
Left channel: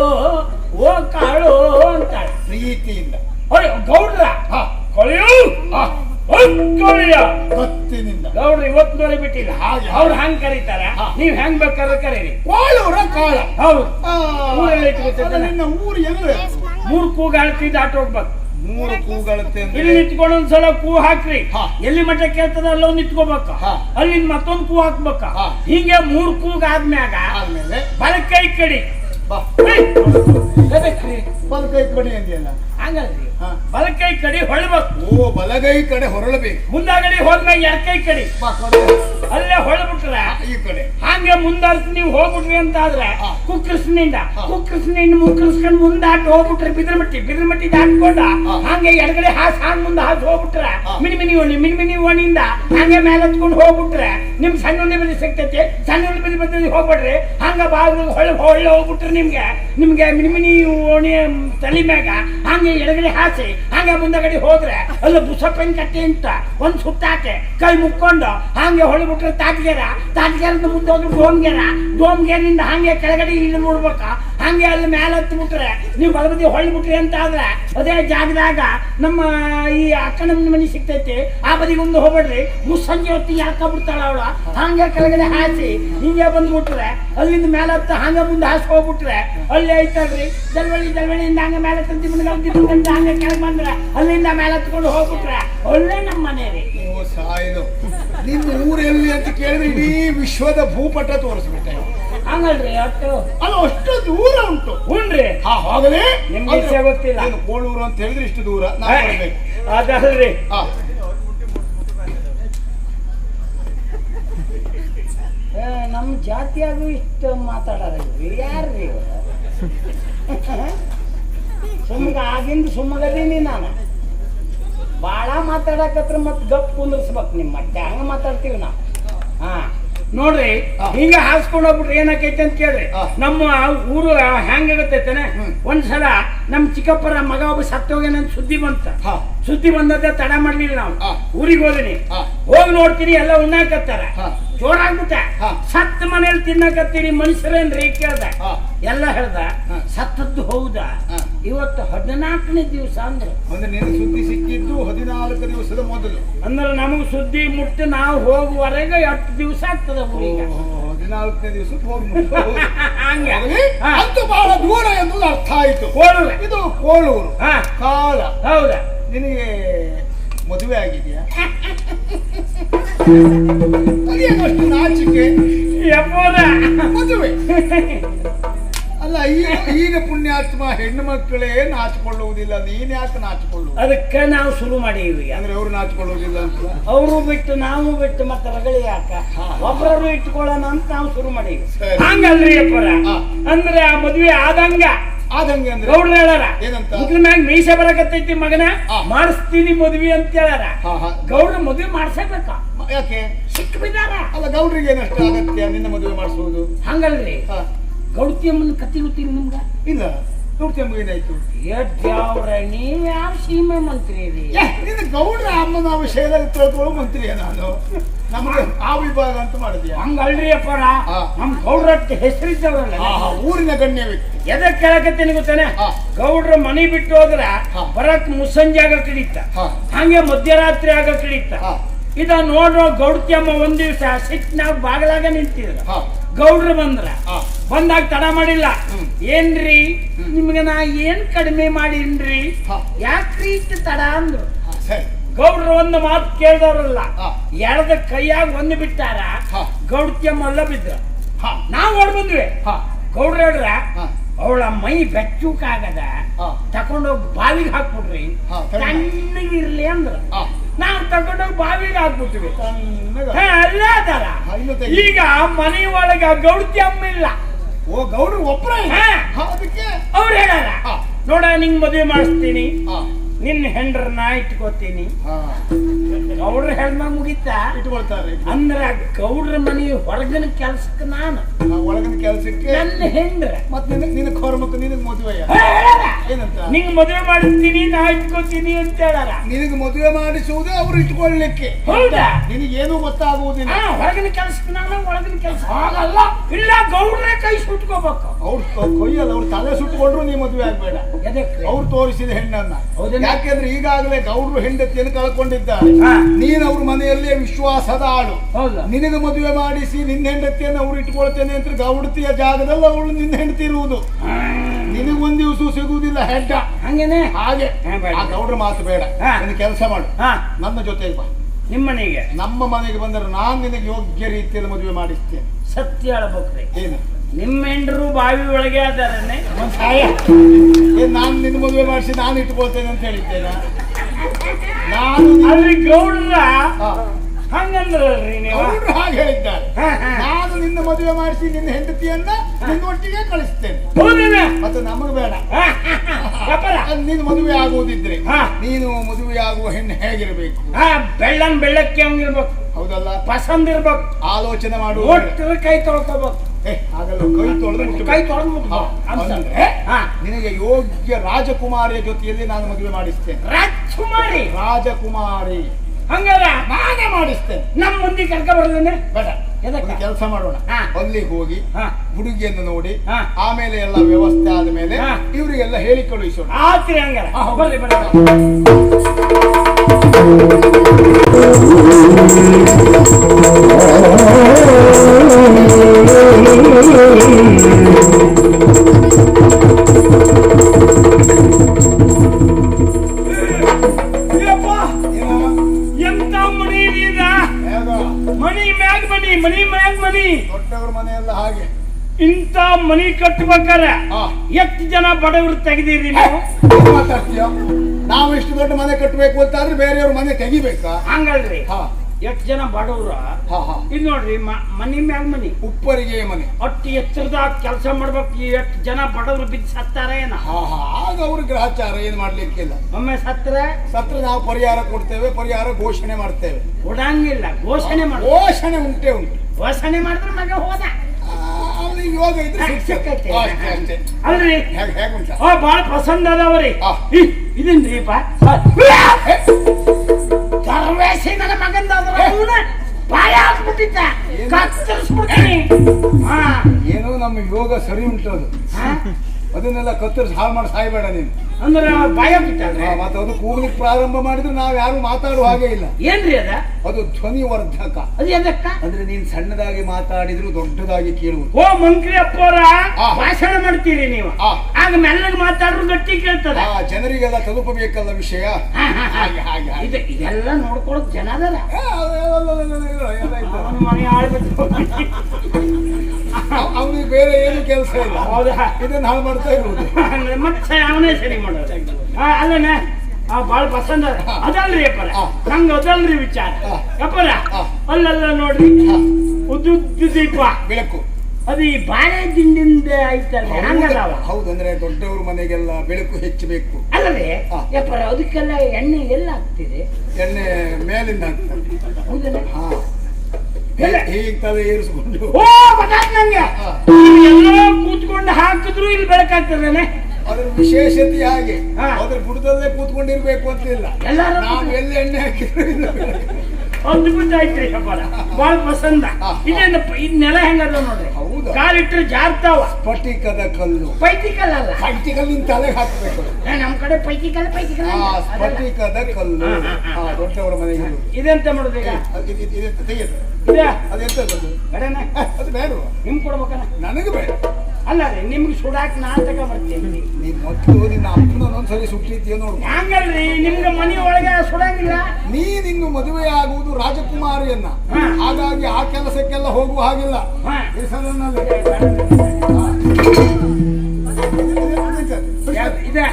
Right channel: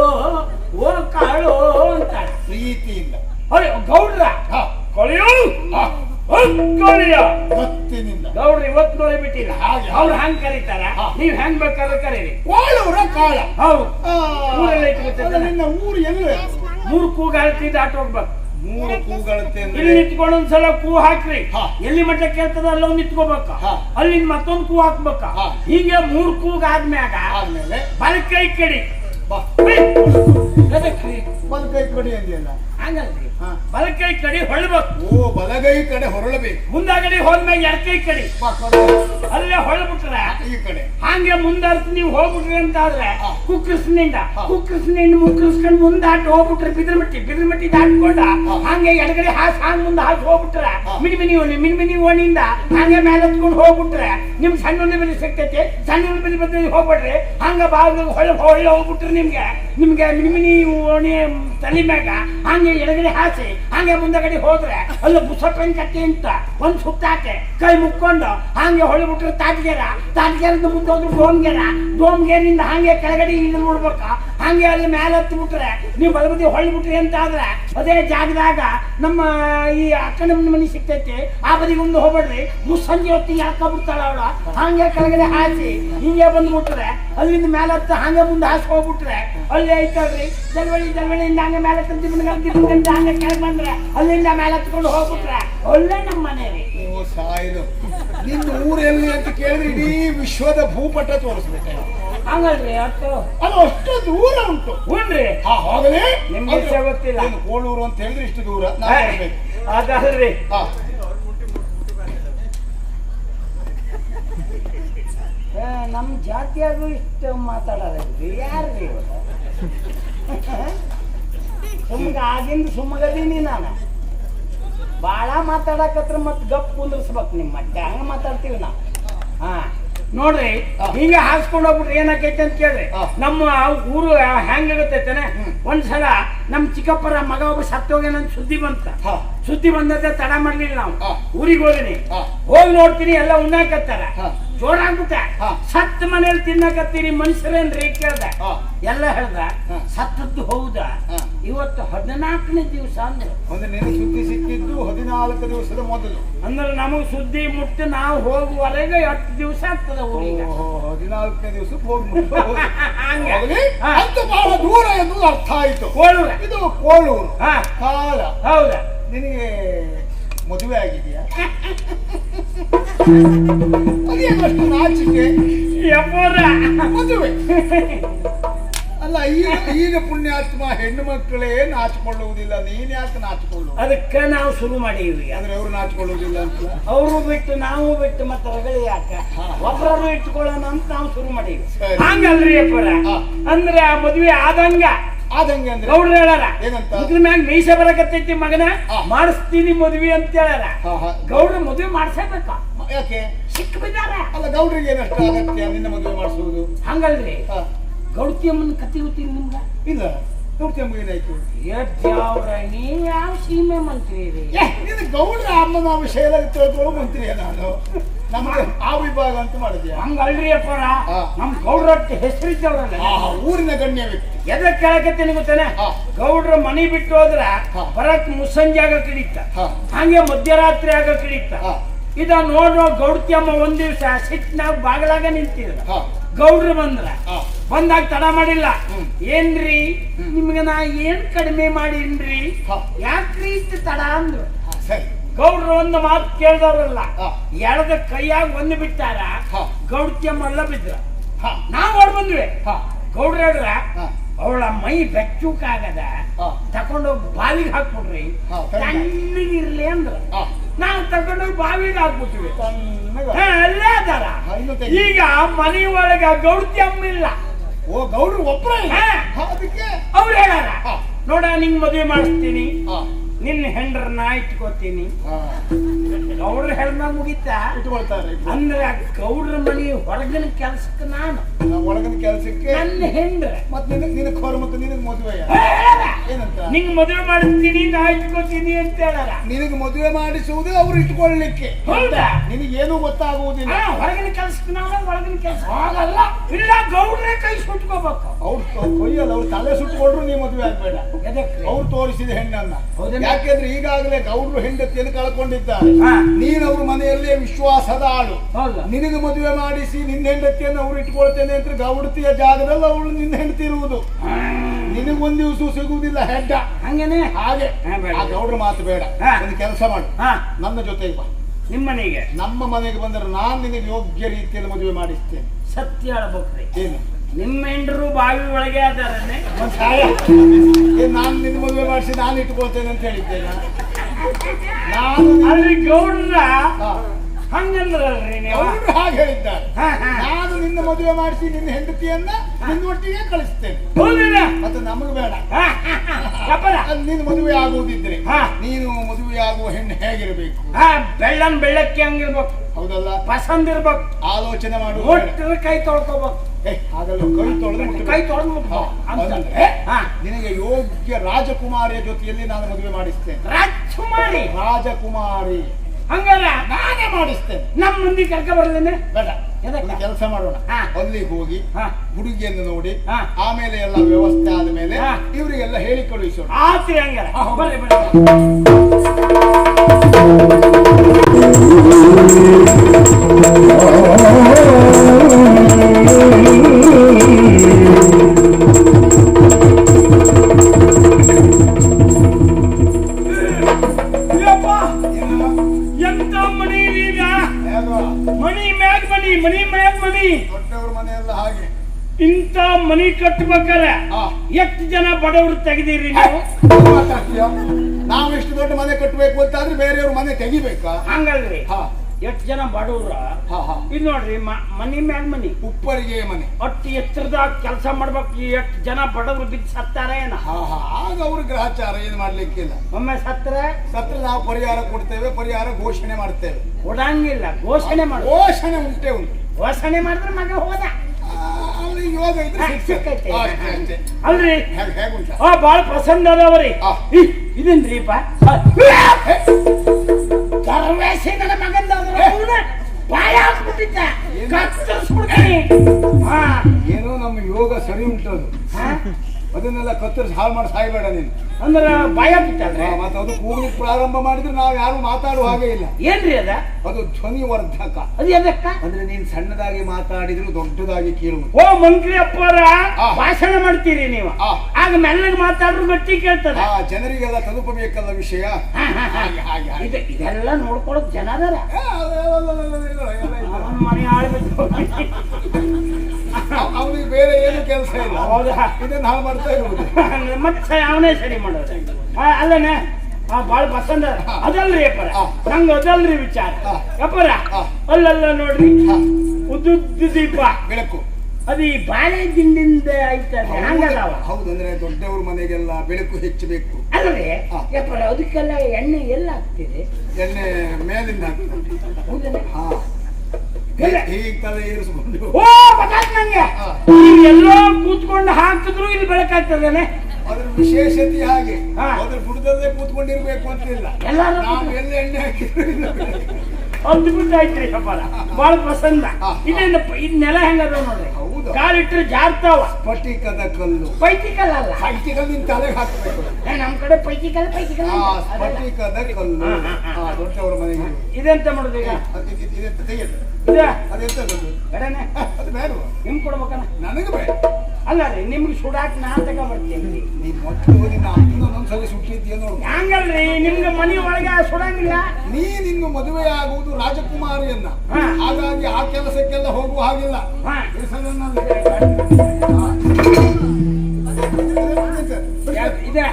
ಓ ಕಾಳು ಅಂತಾರ. ಪ್ರೀತಿಯಿಂದ. ಗೌಡ್ರ ಹಾ. ಕೊಳೆಯು, ಹಾ. ಕೊಳೆಯ ಭಕ್ತಿನಿಂದ. ಗೌಡ್ರು ಇವತ್ತಿನವರೆ ಬಿಟ್ಟಿಲ್ಲ. ಹಾಗೆ. ಅವ್ರು ಹಂಗ್ ಕರೀತಾರ. ಹಾ. ನೀವ್ ಹೆಂಗ್ ಬೇಕಾದ್ರೆ ಕರೀರಿ. ಕೋಳೂರ ಕಾಳ. ಹೌದು. ಆ, ಊರೆಲ್ಲ ಇಟ್ಕೊತಿರ್ತಾರ. ಅದು ನಿನ್ನ ಊರು ಎಲ್ಲ? 3 ಕೂಗಾಳ್ತಿ ದಾಟ ಹೋಗ್ಬೇಕು. 3 ಕೂಗಳತೆ ಇಲ್ಲಿ ಅಂದ್ರೆ? ನಿಂತ್ಕೊಂಡು ಒಂದ್ಸಲ ಕೂ ಹಾಕ್ರಿ. ಹಾ. ಎಲ್ಲಿ ಮಟ್ಟ ಕೇಳ್ತದ ಅಲ್ಲ ನಿಂತ್ಕೋಬೇಕ. ಹಾ. ಅಲ್ಲಿಂದ ಮತ್ತೊಂದ್ ಕೂ ಹಾಕ್ಬೇಕ. ಹಾ. ಹಿಂಗೆ 3 ಕೂಗಾದ್ಮ್ಯಾಗ ಆದ್ಮೇಲೆ ಬಲಕೈ ಕಡಿ. ಬಾ. ಎದಕ್ರಿ? ಬಲಗೈ ಕಡೆ ಅಂದ್ಯಲ್ಲ. ಹಂಗಲ್ರಿ, ಹಾ. ಬಲಕೈ ಕಡಿ ಹೊಳ್ಬೇಕು. ಓ, ಬಲಗೈ ಕಡೆ ಹೊರಳಬೇಕು. ಮುಂದಾಗಡೆ ಹೋದ್ಮ್ಯಾಗ ಎಡಕೈ ಕಡಿ. ಬಾ, ಕಡೆ. ಅಲ್ಲೇ ಹೊಳ್ಬಿಟ್ರ ಈ ಕಡೆ. ಹಂಗೆ ಮುಂದಾರ್ಸಿ ನೀವು ಹೋಗ್ಬಿಟ್ರಿ ಅಂತ ಆದ್ರೆ ಹಾ. ಕುಕ್ಕರ್ಸ್ನಿಂದ ಹಾ. ಮುಕ್ಕರ್ಸ್ಕೊಂಡು ಮುಂದಾಟಿ ಹೋಗ್ಬಿಟ್ರೆ ಬಿದ್ರಮಟ್ಟಿ ದಾಟ್ಕೊಂಡ ಹಾ. ಹಂಗೆ ಎಡಗಡೆ ಹಾಂಗ್ ಮುಂದೆ ಹಾಕಿ ಹೋಗ್ಬಿಟ್ರೆ ಹಾ. ಮಿನಿ ಓಣಿಯಿಂದ ಹಂಗೆ ಮೇಲೆ ಹತ್ಕೊಂಡು ಹೋಗ್ಬಿಟ್ರೆ ನಿಮ್ ಸಣ್ಣ ಬಿದ್ದು ಸಿಗ್ತೈತಿ. ಸಣ್ಣ ಬಿದ್ದು ಹೋಗ್ಬಿಟ್ರಿ ಹಂಗ ಬಾಗಿಲು ಹೊಳ್ಳಿ ಹೋಗ್ಬಿಟ್ರೆ ನಿಮ್ಗೆ ಮಿನಿ ಓಣಿ ತಲೆ ಮ್ಯಾಗ ಹಂಗೆ ಎಡಗಡೆ ಹಾಸಿ ಹಂಗೆ ಮುಂದಗಡೆ ಹೋದ್ರೆ ಅಲ್ಲ ಬುಸಪ್ಪನ ಕಟ್ಟೆ ಅಂತ ಒಂದ್ ಸುತ್ತಾಕೆ ಕೈ ಮುಕ್ಕೊಂಡು ಹಂಗೆ ಹೊಳ್ಬಿಟ್ರೆ ತಾಟ್ಗೆರದ ಮುಂದೆ ಹೋಗಿ ಡೋಮ್ಗೇರಿಂದ ಹಂಗೆ ಕೆಳಗಡೆ ಇಳಿದು ನೋಡ್ಬೇಕ. ಹಂಗೆ ಅಲ್ಲಿ ಮೇಲೆ ಹತ್ತಿ ಬಿಟ್ರೆ ನೀವು ಬಲಬದಿ ಹೊಳ್ಬಿಟ್ರಿ ಅಂತ ಆದ್ರೆ ಅದೇ ಜಾಗದಾಗ ನಮ್ಮ ಈ ಅಕ್ಕನ ಮನೆ ಸಿಗ್ತೈತಿ. ಆ ಬದಿಗೆ ಮುಂದೆ ಹೋಗ್ಬೇಡ್ರಿ. ಮುಸ್ಸಂಜೆ ಹೊತ್ತಿಗೆ ಹಾಕೊಂಡ್ಬಿಡ್ತಾಳ ಅವಳ. ಹಂಗೆ ಕೆಳಗಡೆ ಹಾಸಿ ಹಿಂಗೆ ಬಂದ್ಬಿಟ್ರೆ ಅಲ್ಲಿಂದ ಮೇಲೆ ಹತ್ತ ಹಂಗೆ ಮುಂದೆ ಹಾಸಿ ಹೋಗ್ಬಿಟ್ರೆ ಅಲ್ಲಿ ಐತಲ್ರಿ ಜಲ್ವಳಿಯಿಂದ ಹಂಗೆ ಮೇಲೆ ತಂದು ಹಂಗೆ ಕೆಳಗೆ ಬಂದ್ರೆ ಅಲ್ಲಿಂದ ಮೇಲೆ ಹತ್ಕೊಂಡು ಹೋಗ್ಬಿಟ್ರೆ ಅಲ್ಲೇ ನಮ್ಮ ಮನೆ ರೀ. ಓ, ಸಾಯಲು. ನಿನ್ನ ಊರೆಲ್ಲಿ ಅಂತ ಕೇಳಿದ್ರೆ ಇಡೀ ವಿಶ್ವದ ಭೂಪಟ ತೋರಿಸ್ಬಿಟ್ಟೆ. ಹಂಗಲ್ರಿ ಅಷ್ಟು ಅದು ಅಷ್ಟು ದೂರ ಉಂಟು. ಹುನ್ರಿ. ಹಾ, ಹೋಗಲಿ. ನಿಮ್ಗೆ ವಿಷಯ ಗೊತ್ತಿಲ್ಲ. ನೀನು ಕೋಳೂರು ಅಂತ ಹೇಳಿದ್ರೆ ಇಷ್ಟು ದೂರ ನಾವು ಬರ್ಬೇಕು. ಅದಲ್ರಿ. ಹಾ. ನಮ್ಮ ಜಾತಿಯಾಗೂ ಇಷ್ಟು ಮಾತಾಡೋದ್ರಿ ಯಾರ್ರಿ? ಸುಮ್ಮಗದೀನಿ ನಾನು. ಬಾಳ ಮಾತಾಡಕತ್ರ ಮತ್ ಗಪ್ ಕುಂದರ್ಸ್ಬೇಕು. ನಿಮ್ಮ ಮತ್ತೆ ಹಂಗ ಮಾತಾಡ್ತೀವಿ ನಾವು. ಹಾ, ನೋಡ್ರಿ ಹಿಂಗ ಹಾಸ್ಕೊಂಡು ಹೋಗ್ಬಿಟ್ರಿ ಏನಾಕೈತೆ ಅಂತ ಕೇಳ್ರಿ. ನಮ್ಮ ಊರು ಹೆಂಗಾಗತ್ತೈತಾನೆ. ಒಂದ್ಸಲ ನಮ್ ಚಿಕ್ಕಪ್ಪರ ಮಗ ಒಬ್ಬ ಸತ್ತೋಗಿ ನನ್ ಸುದ್ದಿ ಬಂತ. ಸುದ್ದಿ ಬಂದದ್ದೆ ತಡ ಮಾಡ್ಲಿಲ್ಲ. ನಾವು ಊರಿಗೆ ಹೋದಿನಿ. ಹೋಗಿ ನೋಡ್ತೀನಿ ಎಲ್ಲ ಉಣ್ಣಾಕತ್ತಾರ. ಜೋರಾಗ್ಬಿಟ್ಟ. ಸತ್ತ ಮನೇಲಿ ತಿನ್ನಕತ್ತೀರಿ ಮನುಷ್ಯರೇನ್ರಿ ಕೇಳ್ದ. ಎಲ್ಲ ಹೇಳ್ದ ಸತ್ತದ್ದು ಹೌದಾ. ಇವತ್ತು 14ನೇ ದಿವಸ ಅಂದ್ರೆ ನಿನ್ನ ಸುದ್ದಿ ಸಿಕ್ಕಿದ್ದು 14 ದಿವಸದ ಮೊದಲು. ಅಂದ್ರೆ ನಮಗ್ ಸುದ್ದಿ ಮುಟ್ಟಿ ನಾವು ಹೋಗುವವರೆಗೆ 8 ದಿವಸ ಆಗ್ತದ ಊರಿಗೆ. 14ನೇ ದಿವಸಕ್ಕೆ ಹೋಗಿ ಹಂಗೆ ಅಂತ ಬಹಳ ದೂರ ಎಂದು ಅರ್ಥ ಆಯ್ತು. ಕೋಳೂರ. ಇದು ಕೋಳೂರು. ಕಾಲ. ಹೌದಾ. ನಿನಗೆ ಮದುವೆ ಆಗಿದೆಯಾ? ಅದೇನು ಅಷ್ಟು ನಾಚಿಕೆ ಯಪ್ಪರ ಮದುವೆ ಅಲ್ಲ. ಈಗ ಪುಣ್ಯಾತ್ಮ ಹೆಣ್ಣು ಮಕ್ಕಳೇ ನಾಚಿಕೊಳ್ಳುವುದಿಲ್ಲ, ನೀನ್ ಯಾಕೆ ನಾಚಿಕೊಳ್ಳು? ಅದಕ್ಕೆ ನಾವು ಶುರು ಮಾಡೀವಿ. ಅಂದ್ರೆ ಅವರು ನಾಚಿಕೊಳ್ಳುವುದಿಲ್ಲ ಅಂತ ಅವರು ಬಿಟ್ಟು ನಾವು ಬಿಟ್ಟು ಮತ್ತೆ ರಗಳಿ ಯಾಕ ಒಬ್ಬರು ಇಟ್ಕೊಳ್ಳೋಣ ಅಂತ ನಾವು ಶುರು ಮಾಡೀವಿ. ಸರಿ. ಹಂಗಲ್ರಿ ಅಪ್ಪರ ಅಂದ್ರೆ ಆ ಮದ್ವೆ ಆದಂಗೆ ಅಂದ್ರೆ ಗೌಡ್ರು ಹೇಳಾರ ಏನಂತ? ಮುಗಿದ ಮ್ಯಾಗ ಮೀಸೆ ಬರಕತ್ತೈತಿ ಮಗನ ಮಾಡಿಸ್ತೀನಿ ಮದ್ವಿ ಅಂತ ಹೇಳಾರ. ಗೌಡ್ರ ಮದ್ವೆ ಮಾಡ್ಸಬೇಕ. ಯಾಕೆ ಸಿಕ್ಕ ಬಿದ್ದಾರ. ಅಲ್ಲ, ಗೌಡ್ರಿಗೆ ಏನಷ್ಟು ಅಗತ್ಯ ನಿನ್ನ ಮದುವೆ ಮಾಡಿಸುವುದು? ಹಂಗಲ್ರಿ, ಗೌಡ್ತಿ ಅಮ್ಮನ ಕತ್ತಿ ಗೊತ್ತಿಲ್ಲ ನಿಮ್ಗ? ಇಲ್ಲ. ಗೌಡ್ತಿ ಅಮ್ಮ ಏನಾಯ್ತು? ಯಡ್ಯಾವ್ರ ನೀವ್ ಯಾವ ಸೀಮೆ ಮಂತ್ರಿ ರೀ? ನಿನ್ನ ಗೌಡ್ರ ಅಮ್ಮನ ವಿಷಯ ತಿಳ್ಕೊಳ್ಳೋ ಮಂತ್ರಿಯ ನಾನು. ನಮ್ಗೆ ಆ ವಿಭಾಗ ಅಂತ ಮಾಡಿದ್ಯಾ? ಹಂಗಲ್ರಿ ಅಪ್ಪರ, ನಮ್ ಗೌಡ್ರ ಹೆಸರಿದ್ದವ್ರಲ್ಲ, ಊರಿನ ಗಣ್ಯ ವ್ಯಕ್ತಿ. ಎದಕ್ ಕೇಳಕತ್ತೇನೆ ಗೊತ್ತಾನೆ? ಗೌಡ್ರ ಮನಿ ಬಿಟ್ಟು ಹೋದ್ರ ಬರತ್ ಮುಸ್ಸಂಜೆ ಆಗ ಕಿಡಿತ, ಹಂಗೆ ಮಧ್ಯರಾತ್ರಿ ಆಗ ಕಿಡಿತ. ಇದ ನೋಡ್ರ ಗೌಡ್ತಿ ಅಮ್ಮ ಒಂದ್ ದಿವ್ಸ ಸಿಟ್ ನಾವ್ ಬಾಗಲಾಗ ನಿಂತಿದ್ರ. ಗೌಡ್ರು ಬಂದಾಗ ತಡ ಮಾಡಿಲ್ಲ. ಏನ್ರಿ ನಿಮ್ಗೆ ನಾ ಏನ್ ಕಡಿಮೆ ಮಾಡೀನ್ರಿ, ಯಾಕ್ರಿ ಇಷ್ಟು ತಡ ಅಂದ್ರು. ಗೌಡ್ರು ಒಂದು ಮಾತು ಕೇಳ್ದವ್ರಲ್ಲ, ಎಳದ ಕೈಯಾಗ ಒಂದು ಬಿಟ್ಟಾರ. ಗೌಡ್ತಿ ಅಮ್ಮ ಎಲ್ಲ ಬಿದ್ರ. ನಾವ್ ಓಡ್ ಬಂದ್ವಿ. ಗೌಡ್ರ ಹೇಳ್ರ ಅವಳ ಮೈ ಬೆಚ್ಚುಕಾಗದ ತಕೊಂಡೋಗಿ ಬಾವಿಗೆ ಹಾಕ್ಬಿಡ್ರಿ, ತಣ್ಣಗಿರ್ಲಿ ಅಂದ್ರ. ನಾವು ತಗೊಂಡೋಗಿ ಬಾವಿಗೆ ಹಾಕ್ಬಿಟ್ವಿ. ಅಲ್ಲೇ ಅದಾರ. ಈಗ ಮನೆ ಒಳಗ ಗೌಡ್ತಿ ಅಮ್ಮ ಇಲ್ಲ. ಓ, ಗೌಡ್ರು ಒಬ್ಬರೇ? ಅದಕ್ಕೆ ಅವ್ರು ಹೇಳಾರ, ನೋಡ ನಿಂಗ್ ಮದುವೆ ಮಾಡಿಸ್ತೀನಿ, ನಿನ್ನ ಹೆಂಡ್ರನ್ನ ಇಟ್ಕೋತೀನಿ. ಗೌಡ್ರ ಹೆಣ್ಮಾಗ ಮುಗಿತ ಇಟ್ಕೊಳ್ತಾರೆ. ಅಂದ್ರ ಗೌಡ್ರ ಮನಿ ಹೊರಗಿನ ಕೆಲ್ಸಕ್ಕೆ ನಾನು, ಒಳಗಿನ ಕೆಲ್ಸಕ್ಕೆ ನನ್ನ ಹೆಂಡ್ರ. ಮತ್ತೆ ನಿನ್ನ ಮಕ್ಕಳು ನಿನಗ್ ಮದುವೆ ಏನಂತ? ನಿಂಗ್ ಮದುವೆ ಮಾಡಿಸ್ತೀನಿ, ನಾ ಇಟ್ಕೋತೀನಿ ಅಂತ ಹೇಳಾರ. ನಿನಗೆ ಮದುವೆ ಮಾಡಿಸುವುದು ಅವ್ರು ಇಟ್ಕೊಳ್ಳಿಕ್ಕೆ. ಹೌದಾ? ನಿನಗೇನು ಗೊತ್ತಾಗುವುದಿಲ್ಲ. ಹೊರಗಿನ ಕೆಲ್ಸಕ್ಕೆ ನಾವು, ಒಳಗಿನ ಕೆಲ್ಸ ಆಗಲ್ಲ. ಇಲ್ಲ, ಗೌಡ್ರೆ ಕೈ ಸುಟ್ಕೋಬೇಕು. ಅವ್ರು ಕೊಯ್ಯಲ್ಲ, ಅವ್ರು ತಲೆ ಸುಟ್ಟುಕೊಂಡ್ರು ನೀ ಮದುವೆ ಆಗ್ಬೇಡ. ಅವ್ರು ತೋರಿಸಿದ ಹೆಣ್ಣನ್ನ. ಯಾಕೆಂದ್ರೆ ಈಗಾಗಲೇ ಗೌಡ್ರು ಹೆಂಡತಿಯನ್ನು ಕಳ್ಕೊಂಡಿದ್ದಾರೆ. ನೀನ್ ಅವ್ರ ಮನೆಯಲ್ಲೇ ವಿಶ್ವಾಸದ ಆಳು. ನಿನಗೆ ಮದುವೆ ಮಾಡಿಸಿ ನಿನ್ನ ಹೆಂಡತಿಯನ್ನು ಅವ್ರು ಇಟ್ಕೊಳ್ತೇನೆ ಅಂತ ಗೌಡತಿಯ ಜಾಗದಲ್ಲಿ ಅವಳು ನಿನ್ನ ಹೆಂಡತಿ ಇರುವುದು. ನಿನಗೊಂದ್ ದಿವಸ ಸಿಗುವುದಿಲ್ಲ ಹೆಡ್ಡ. ಹಂಗೇನೆ ಹಾಗೆ ಆ ಗೌಡ್ರ ಮಾತು ಬೇಡ. ಒಂದು ಕೆಲಸ ಮಾಡು, ನನ್ನ ಜೊತೆಗೆ ಬಾ. ನಿಮ್ಮನೆಗೆ? ನಮ್ಮ ಮನೆಗೆ ಬಂದರೆ ನಾನ್ ನಿನಗೆ ಯೋಗ್ಯ ರೀತಿಯಲ್ಲಿ ಮದುವೆ ಮಾಡಿಸ್ತೇನೆ. ಸತ್ಯ ಹೇಳ್ಬೇಕ್ರಿ. ಏನು ನಿಮ್ಮ ಹೆಂಡ್ರು ಬಾವಿ ಒಳಗೆ ಅದಾರನೆ? ನಾನು ನಿನ್ನ ಮದುವೆ ಮಾಡಿಸಿ ನಾನು ಇಟ್ಕೊಳ್ತೇನೆ ಅಂತ ಹೇಳಿದ್ದೇನೆ. ಅಲ್ಲಿ ಗೌಡ್ರ ಹಂಗಂದ್ರಲ್ರಿ ನೀವು? ಹಾಗೆ ಹೇಳಿದ್ದಾರೆ. ನಾನು ನಿನ್ನ ಮದುವೆ ಮಾಡಿಸಿ ನಿನ್ನ ಹೆಂಡತಿಯನ್ನ ನಿನ್ನೊಟ್ಟಿಗೆ ಕಳಿಸ್ತೇನೆ. ಮತ್ತೆ ನಮಗ್ ಬೇಡ. ನಿನ್ನ ಮದುವೆ ಆಗುವುದಿದ್ರೆ ನೀನು ಮದುವೆ ಆಗುವ ಹೆಣ್ಣು ಹೇಗಿರ್ಬೇಕು? ಬೆಳ್ಳನ್ ಬೆಳ್ಳಕ್ಕೆ ಹಂಗಿರ್ಬೇಕು. ಹೌದಲ್ಲ? ಪಸಂದ್ ಇರ್ಬೇಕು. ಆಲೋಚನೆ ಮಾಡುವ ಕೈ ತೊಳ್ಕೋಬೇಕು. ಹಾಗಲ್ಲ, ಕೈ ತೊಳೆದು ನಿನಗೆ ಯೋಗ್ಯ ರಾಜಕುಮಾರಿಯ ಜೊತೆಯಲ್ಲಿ ನಾನು ಮದುವೆ ಮಾಡಿಸ್ತೇನೆ. ರಾಜಕುಮಾರಿ? ರಾಜಕುಮಾರಿ. ಹಂಗಲ್ಲ, ನಾನೇ ಮಾಡಿಸ್ತೇನೆ. ನಮ್ಮ ಮಂದಿ ಕರ್ಕ ಬರ್ತೇನೆ. ಬೇಡ, ಕೆಲಸ ಮಾಡೋಣ. ಅಲ್ಲಿಗೆ ಹೋಗಿ ಹುಡುಗಿಯನ್ನು ನೋಡಿ ಆಮೇಲೆ ಎಲ್ಲ ವ್ಯವಸ್ಥೆ ಆದ ಮೇಲೆ ಇವರಿಗೆಲ್ಲ ಹೇಳಿ ಕಳುಹಿಸೋಣ. ಆತ್ರಿ ಹಂಗಾರ. ಬರ್ರಿ ಬರ್ರಿ. ಎಂತ ಮನಿ ಈಗ? ಮನಿ ಮ್ಯಾಗ ಮನಿ, ಮನಿ ಮ್ಯಾಗ ಮನಿ. ದೊಡ್ಡವ್ರ ಮನೆಯೆಲ್ಲ ಹಾಗೆ. ಇಂತ ಮನಿ ಕಟ್ಟಬೇಕಾರೆ ಎಷ್ಟು ಜನ ಬಡವರು ತೆಗೆದಿರಿ ನೀವು? ನಾವು ಎಷ್ಟು ದೊಡ್ಡ ಮನೆ ಕಟ್ಟಬೇಕು ಅಂತಾದ್ರೆ ಬೇರೆಯವ್ರ ಮನೆ ತೆಗಿಬೇಕಾ? ಹಂಗಲ್ರಿ, ಎಷ್ಟು ಜನ ಬಡವ್ರ ಇದು ನೋಡ್ರಿ. ಮನಿ ಮ್ಯಾಗ ಮನಿ, ಉಪ್ಪರಿಗೆ ಮನೆ, ಅಷ್ಟು ಎತ್ತರದಾಗ ಕೆಲಸ ಮಾಡ್ಬೇಕು. ಎಷ್ಟು ಜನ ಬಡವ್ರು ಬಿದ್ದು ಸತ್ತಾರ ಏನ? ಆಗ ಅವ್ರ ಗ್ರಹಚಾರ ಏನ್ ಮಾಡ್ಲಿಕ್ಕಿಲ್ಲ. ಒಮ್ಮೆ ಸತ್ರ ನಾವು ಪರಿಹಾರ ಕೊಡ್ತೇವೆ, ಪರಿಹಾರ ಘೋಷಣೆ ಮಾಡ್ತೇವೆ. ಕೊಡಂಗಿಲ್ಲ, ಘೋಷಣೆ ಮಾಡಿ. ಘೋಷಣೆ ಉಂಟೇ ಉಂಟು. ಘೋಷಣೆ ಮಾಡಿದ್ರೆ ಮಗ ಹೋದ. ಇವಾಗ ಅಲ್ರಿ ಬಾಳ ಪಸಂದ್ ಅದವ್ರಿ. ಇದೇನ್ರಿಪ್ಪ ದರ್ವೇಶಿ ನನ್ನ ಮಗಂದ ಬಾಯ ಹಾಕ್ಬಿಟ್ಟಿದ್ದ, ಕತ್ತರಿಸ್ಬಿಡ್ತೀನಿ. ಏನೋ ನಮ್ಮ ಯೋಗ ಸರಿ ಉಂಟು. ಅದು ಅದನ್ನೆಲ್ಲ ಕತ್ತರಿಸಿ ಹಾಳು ಮಾಡಿ ಸಾಯ್ಬೇಡ ನೀನು. ಅಂದ್ರೆ ಭಯ ಬಿಟ್ಟಲ್ರಿ. ಮತ್ತೆ ಅದು ಕೂಗ್ಲಿಕ್ಕೆ ಪ್ರಾರಂಭ ಮಾಡಿದ್ರೆ ನಾವ್ ಯಾರು ಮಾತಾಡುವ ಹಾಗೆ ಇಲ್ಲ. ಏನ್ರಿ ಅದ? ಅದು ಧ್ವನಿವರ್ಧಕ. ಅದು ಎದಕ್ಕ? ಅಂದ್ರೆ ನೀನ್ ಸಣ್ಣದಾಗಿ ಮಾತಾಡಿದ್ರು ದೊಡ್ಡದಾಗಿ ಕೇಳುವುದು. ಓ ಮಂಕ್ರಿ ಅಪ್ಪರ ಭಾಷಣ ಮಾಡ್ತೀರಿ ನೀವು, ಆಗ ಮೆಲ್ಲಗೆ ಮಾತಾಡ್ರು ಗಟ್ಟಿ ಕೇಳ್ತದ. ಜನರಿಗೆಲ್ಲ ತಲುಪಬೇಕಲ್ಲ ವಿಷಯ. ಇದೆಲ್ಲ ನೋಡ್ಕೊಳಕ್ ಜನ ಅದಾರ. ಮನೆ ಆಳ್ಬೇಕು, ಅವನಿಗೆ ಬೇರೆ ಏನು ಕೆಲಸ ಇಲ್ಲ. ಇದನ್ನ ಹಾಳು ಮಾಡ್ತಾ ಇರುವುದು. ಮತ್ತೆ ಅವನೇ ಸರಿ ಮಾಡೋದು. ಅಲ್ಲನೇ ಬಾಳ ಪಸಂದ ಅದಲ್ರಿ ಅಪ್ಪರ, ನಂಗ ಅದಲ್ರಿ ವಿಚಾರ ಅಪ್ಪರ. ಅಲ್ಲೆಲ್ಲ ನೋಡ್ರಿ ಉದ್ದುದ್ದ ದೀಪ ಬೆಳಕು, ಅದು ಈ ಬಾಳೆ ದಿಂಡಿಂದ ಐತಲ್ಲ ಹಂಗದಾವ. ಹೌದು, ಅಂದ್ರೆ ದೊಡ್ಡವ್ರ ಮನೆಗೆಲ್ಲ ಬೆಳಕು ಹೆಚ್ಚಬೇಕು ಅಲ್ಲದೆ ಯಪ್ಪರ. ಅದಕ್ಕೆಲ್ಲ ಎಣ್ಣೆ ಎಲ್ಲ ಹಾಕ್ತಿದೆ? ಎಣ್ಣೆ ಮೇಲಿಂದ ಹೀಗೆ ತಲೆ ಏರಿಸ್ಕೊಂಡು. ಓ ಗೊತ್ತಾಯ್ತು ನಂಗೆ. ಎಲ್ಲೋ ಕೂತ್ಕೊಂಡು ಹಾಕಿದ್ರು ಇಲ್ಲಿ ಬೆಳಕಾಗ್ತದೇನೆ. ಅದ್ರ ವಿಶೇಷತೆ ಹಾಗೆ. ಅದ್ರ ಬುಡದಲ್ಲೇ ಕೂತ್ಕೊಂಡಿರ್ಬೇಕು ಅಂತಿಲ್ಲ. ನಾವು ಎಲ್ಲಿ ಎಣ್ಣೆ ಹಾಕಿದ್ರು ಒಂದು ಗೊತ್ತಾಯ್ತ್ರಿ ಅಪ್ಪರ, ಬಹಳ ಪಸಂದ. ಇದೇನು ಇದ್ ನೆಲ ಹೆಂಗದ ನೋಡ್ರಿ. ಹೌದು, ಕಾಲಿಟ್ರೆ ಜಾರ್ತಾವ. ಸ್ಫಟಿಕದ ಕಲ್ಲು. ಪೈತಿಕಲ್ ಅಲ್ಲ, ಪೈತಿಕಲ್ ನಿನ್ ತಲೆಗೆ ಹಾಕ್ಬೇಕು. ನಮ್ ಕಡೆ ಪೈತಿಕಲ್ ಪೈತಿಕಲ್. ಸ್ಫಟಿಕದ ಕಲ್ಲು ದೊಡ್ಡವರ ಮನೆಗೆ. ಇದೆಂತ ಮಾಡುದು ಈಗ? ಅದೆಂತದ್ದು? ಅದು ಬೇಡವಾ? ನಿಮ್ ಕೊಡ್ಬೇಕನ? ನನಗೆ ಬೇಡ. ಅಲ್ಲ ರೀ, ನಿಮ್ಗೆ ಸುಡಾಕ್ ನಾನ್ ತಗ ಬರ್ತೀನಿ. ನೀನ್ ಮೊದಲು ನಿನ್ನ ಅಪ್ಪನೊಂದ್ಸರಿ ಸುಟ್ಟಿದ್ದೀಯ ನೋಡು. ಹಂಗಲ್ರಿ, ನಿಮ್ಗೆ ಮನೆ ಒಳಗ ಸುಡಂಗಿಲ್ಲ. ನೀನಿನ್ನು ಮದುವೆ ಆಗುವುದು ರಾಜಕುಮಾರಿಯನ್ನ, ಹಾಗಾಗಿ ಆ ಕೆಲಸಕ್ಕೆಲ್ಲ ಹೋಗುವ ಹಾಗಿಲ್ಲ. ಇದೆ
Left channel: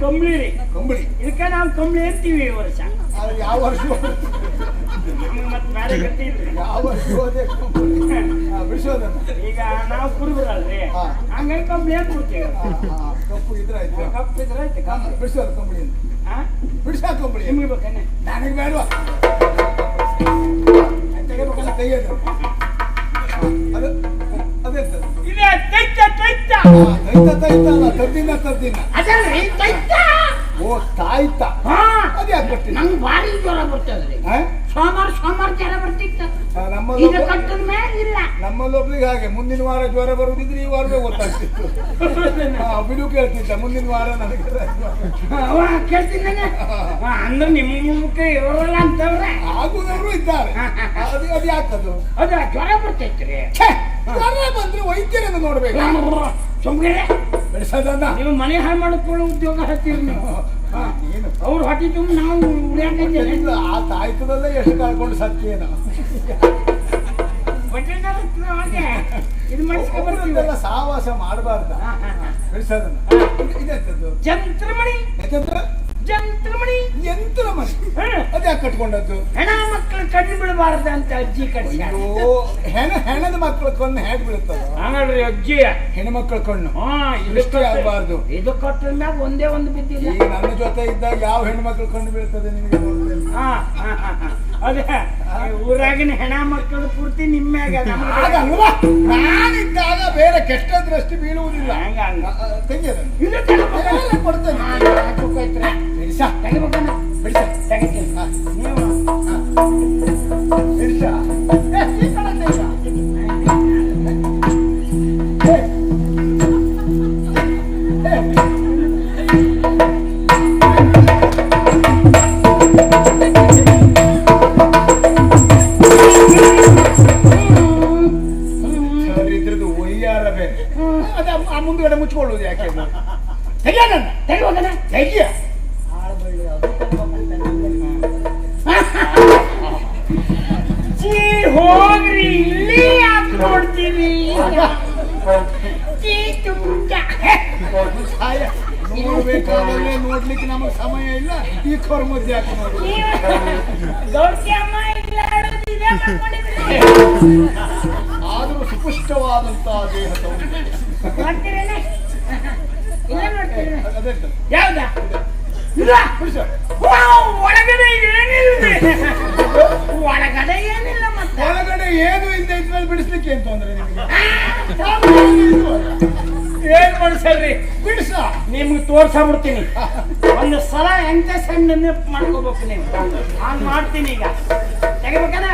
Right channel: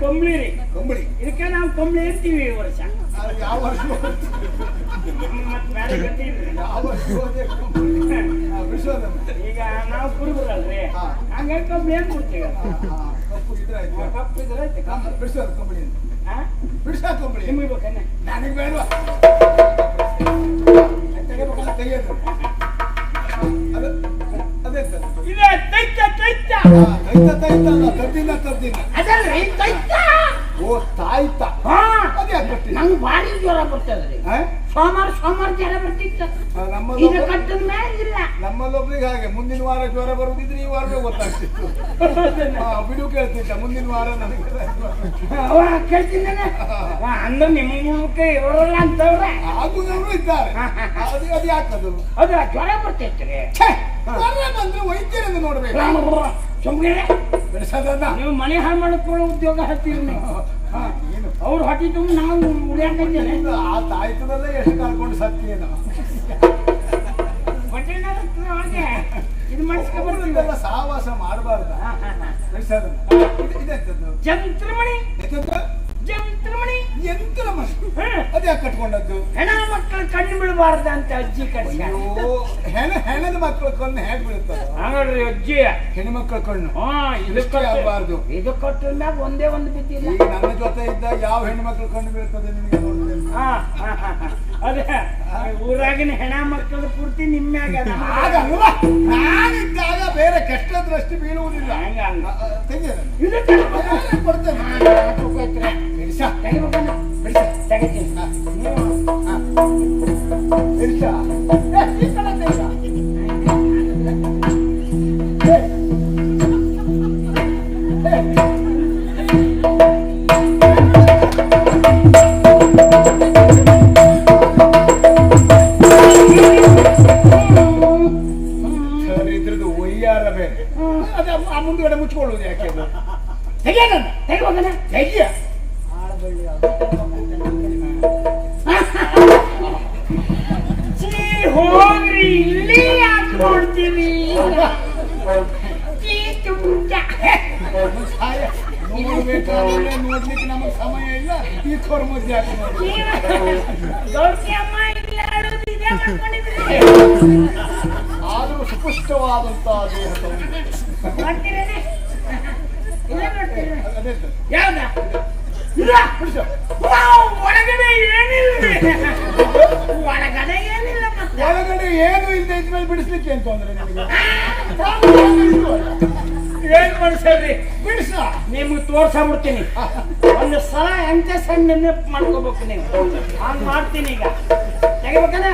ಕಂಬಳಿ ರೀ, ಕಂಬಳಿ. ಇದಕ್ಕೆ ನಾವು ಕಂಬಳಿ ಅಂತೀವಿ ಈ ವರ್ಷ. ಯಾವ ವರ್ಷ? ಈಗ ನಾವು ಕುರುಬರಲ್ರಿ, ಹಂಗಾಗಿ ಕಂಬಳಿ ಅಂತ ಬಿಡ್ತೀವಿ. ಕಪ್ಪು ಇದ್ರೆ ಆಯ್ತು, ಕಪ್ಪು ಇದ್ರೆ ಆಯ್ತು. ಕಂಬಳಿ ಬಿಡಿಸೋದು ಕಂಬಳಿ ಅಂತ ಬಿಡಿಸ ಕಂಬಳಿ. ನಿಮ್ಗೆ ಬೇಕೇನೆ? ನನಗೆ ಬೇಡವಾ? ತೆಗೆಯೋದು ಇದೆ ತೈತ ತೈತ ತೈತ ಅಲ್ಲ, ತದ್ದಿನ ತದ್ದಿನ. ಅದಲ್ರಿ ತೈತ. ಓ ತಾಯ್ತ. ಅದೇ ನಂಗೆ ಭಾರಿ ಜ್ವರ ಬರ್ತದ್ರಿ. ಸೋಮವಾರ ಜ್ವರ ಬರ್ತಿತ್ತು. ನಮ್ಮಲ್ಲೊಬ್ರಿಗೆ ಹಾಗೆ ಮುಂದಿನ ವಾರ ಜ್ವರ ಬರುವುದಿದ್ರೆ ಈ ವಾರವೇ ಗೊತ್ತಾಗ್ತಿತ್ತು. ಬಿಡು ಕೇಳ್ತಿದ್ದ ಮುಂದಿನ ವಾರ ನನಗೆ ಕೇಳ್ತೀನಿ. ಅಂದ್ರೆ ನಿಮ್ಮ ಇವರೆಲ್ಲ ಅಂತವ್ರೆ ಆಗುದವರು ಇದ್ದಾರೆ. ಅದು ಯಾಕದು? ಅದ್ರ ಜ್ವರ ಬರ್ತೈತ್ರಿ. ಜ್ವರ ಬಂದ್ರೆ ವೈದ್ಯರನ್ನು ನೋಡ್ಬೇಕು. ಸುಮ್ಮನೆ ಬೆಳೆಸೋದನ್ನ ನೀವು ಮನೆ ಹಾಳು ಮಾಡಿಕೊಳ್ಳೋ ಉದ್ಯೋಗ ಹತ್ತೀರಿ ನೀವು. ಅವ್ರು ಹಾಕಿದ್ದು ನಾವು ಉಳಿಯಾಕಿದ್ದೇನೆ. ಆ ತಾಯ್ತದಲ್ಲೇ ಎಷ್ಟು ಕಳ್ಕೊಂಡು ಸತ್ಯೇನ ಇದು ಸಾವಾಸ ಮಾಡಬಾರ್ದ. ಬೆಳೆಸೋದನ್ನ ಇದೆಂತದ್ದು? ಜಂತ್ರಮಣಿ. ಜಂತ್ರಮಣಿ ಯಂತ್ರಮಣಿ. ಅದ್ಯಾಕೆ ಕಟ್ಕೊಂಡದ್ದು? ಹೆಣ ಮಕ್ಕಳು ಕಣ್ಣು ಬಿಡಬಾರ್ದ ಅಂತ ಅಜ್ಜಿ ಕಟ್ಟಿ. ಹೆಣದ ಮಕ್ಕಳ ಕಣ್ಣು ಹೇಗೆ ಬೀಳುತ್ತದ? ಹಾಗಾದ್ರೆ ಅಜ್ಜಿ ಹೆಣ್ಮಕ್ಳ ಕಣ್ಣು ಇದಕ್ಕೆ ಆಗಬಾರ್ದು. ಇದು ಕಟ್ಟಿದಾಗ ಒಂದೇ ಒಂದು ಬಿದ್ದಿಲ್ಲ. ಈಗ ನನ್ನ ಜೊತೆ ಇದ್ದಾಗ ಯಾವ ಹೆಣ್ಮಕ್ಳು ಕಣ್ಣು ಬೀಳ್ತದೆ ನಿಮಗೆ? ಅದೇ ಊರಾಗಿನ ಹೆಣ ಮಕ್ಕಳು ಪೂರ್ತಿ ನಿಮ್ಮ್ಯಾಗ. ನಾನಿದ್ದಾಗ ಬೇರೆ ಕೆಟ್ಟ ದೃಷ್ಟಿ ಬೀಳುವುದಿಲ್ಲ. ಮುಂದುಗಡೆ ಮುಚ್ಕೊಳ್ಳುವುದು ಯಾಕೆ? ತೆಗಿಯ ಹೋಗ್ರಿ, ಇಲ್ಲಿ ಯಾಕೆ ನೋಡ್ತೀನಿ? ನೋಡ್ಲಿಕ್ಕೆ ನಮಗೆ ಸಮಯ ಇಲ್ಲ. ಈ ಕೌರ್ ಮಧ್ಯೆ ಹಾಕಿ ನೋಡಿ. ಆದರೂ ಸುಪುಷ್ಟವಾದಂತಹ ದೇಹದ ಒಳಗಡೆ ಏನಿಲ್ಲ. ಒಳಗಡೆ ಏನು ಇಲ್ಲದೆ ಇದ್ಮೇಲೆ ಬಿಡಿಸ್ಲಿಕ್ಕೆ ಏನ್ ತೊಂದ್ರೆ ನಿಮಗೆ? ಏನ್ ಬಿಡಿಸಲ್ರಿ? ಬಿಡಿಸ ನಿಮ್ಗೆ ತೋರ್ಸಾಬಿಡ್ತೀನಿ. ಒಂದು ಸಲ ಎಂತ ಸಣ್ಣ ನೆನಪು ಮಾಡ್ಕೋಬೇಕು ನೀವು. ಹಂಗ್ ಮಾಡ್ತೀನಿ. ಈಗ ತೆಗಿಬೇಕಲ್ಲ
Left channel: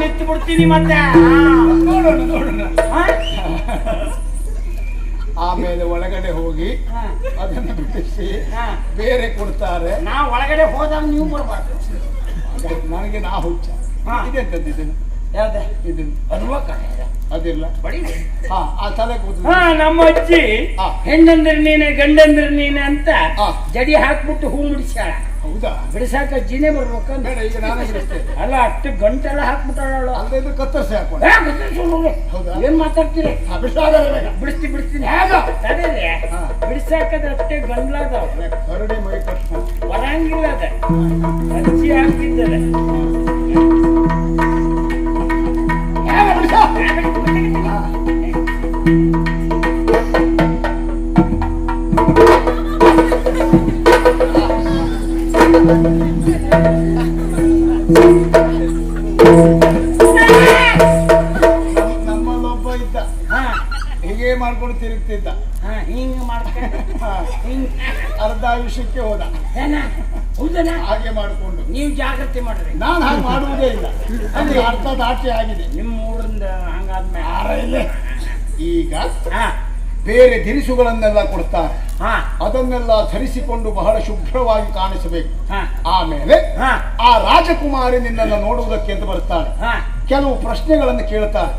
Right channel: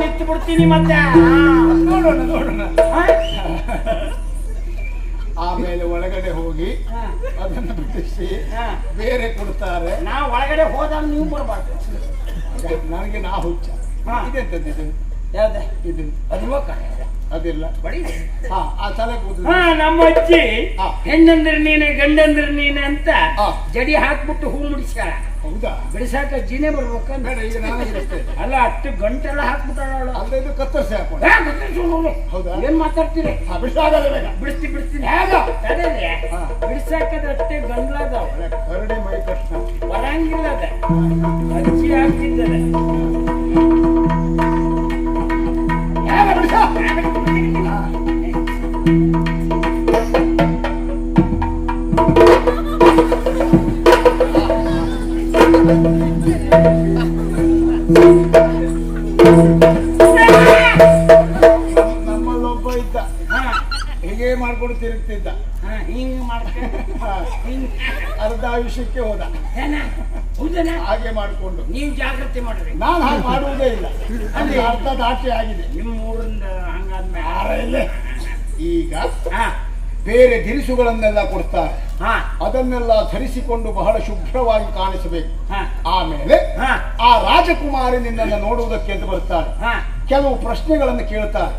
ನಿಂತು ಬಿಡ್ತೀನಿ ಮತ್ತೆ. ನೋಡೋಣ ನೋಡೋಣ. ಹಾ? ಆಮೇಲೆ ಒಳಗಡೆ ಹೋಗಿ ಅದನ್ನು ಬಿಡಿಸಿ ಬೇರೆ ಕೊಡ್ತಾರೆ. ನಾವು ಒಳಗಡೆ ಹೋದಾಗ ನೀವು ಬರ್ಬಾರ್ದು. ನನಗೆ ನಾ ಹುಚ್ಚ. ಇದೆಂತದ್ದು ಇದು? ಯಾವ್ದು ಇದು ಅದಿಲ್ಲ ಬಡಿ. ಆ ತಲೆ ಕೂತು ನಮ್ಮ ಅಜ್ಜಿ ಹೆಣ್ಣಂದ್ರೆ ನೀನೆ ಗಂಡಂದ್ರೆ ನೀನೆ ಅಂತ ಜಡಿ ಹಾಕ್ಬಿಟ್ಟು ಹೂ ಮುಡಿಸ್ಯಾಳ. ಹೌದಾ? ಬಿಡಿಸಾಕ ಅಜ್ಜಿನೇ ಬರ್ಬೇಕಂತ. ಬೇಡ, ಈಗ ನಾನೇ ಬಿಡಿಸ್ತೇನೆ. ಅಲ್ಲ ಅಷ್ಟು ಗಂಟೆಲ್ಲ ಹಾಕ್ಬಿಟ್ಟಾಳ. ಅಲ್ಲ ಇದು ಕತ್ತರಿಸಿ ಹಾಕೊಂಡು. ಹೌದಾ? ಏನ್ ಮಾತಾಡ್ತೀರಿ? ಬಿಡಿಸ್ತೀನಿ. ಬಿಡಿಸಾಕದ ಅಷ್ಟೇ ಗಂಡ್ಲಾದವ. ಕರಡಿ ಮೈ ಕೃಷ್ಣ ಬರಂಗಿಲ್ಲ ಅದ. ಅಜ್ಜಿ ಹಾಕ್ತಿದ್ದಾರೆ. ನಮ್ಮಲ್ಲೊಬ್ಬ ಇದ್ದ, ಹೀಗೆ ಮಾಡ್ಕೊಂಡು ತಿರುಗ್ತಿದ್ದ. ಹಿಂಗ್ ಅರ್ಧ ಆಯುಷ್ಯಕ್ಕೆ ಹೋದ. ಹಾಗೆ ಮಾಡಿಕೊಂಡು ನೀವು ಜಾಗ್ರತೆ ಮಾಡ್ರಿ. ನಾನು ಹಾಗೆ ಮಾಡುವುದೇ ಇಲ್ಲ. ಅಲ್ಲಿ ಅರ್ಧ ದಾಟಿ ಆಗಿದೆ. ನಿಮ್ಮ ಊರಿಂದ ಹಂಗಾದ್ಮೇಲೆ ಈಗ ಬೇರೆ ದಿರಿಸುಗಳನ್ನೆಲ್ಲ ಕೊಡ್ತಾರೆ. ಅದನ್ನೆಲ್ಲ ಧರಿಸಿಕೊಂಡು ಬಹಳ ಶುಭ್ರವಾಗಿ ಕಾಣಿಸಬೇಕು. ಆಮೇಲೆ ಆ ರಾಜಕುಮಾರಿ ನಿನ್ನನ್ನು ನೋಡುವುದಕ್ಕೆ ಅಂತ ಬರ್ತಾರೆ. ಕೆಲವು ಪ್ರಶ್ನೆಗಳನ್ನು ಕೇಳ್ತಾರೆ.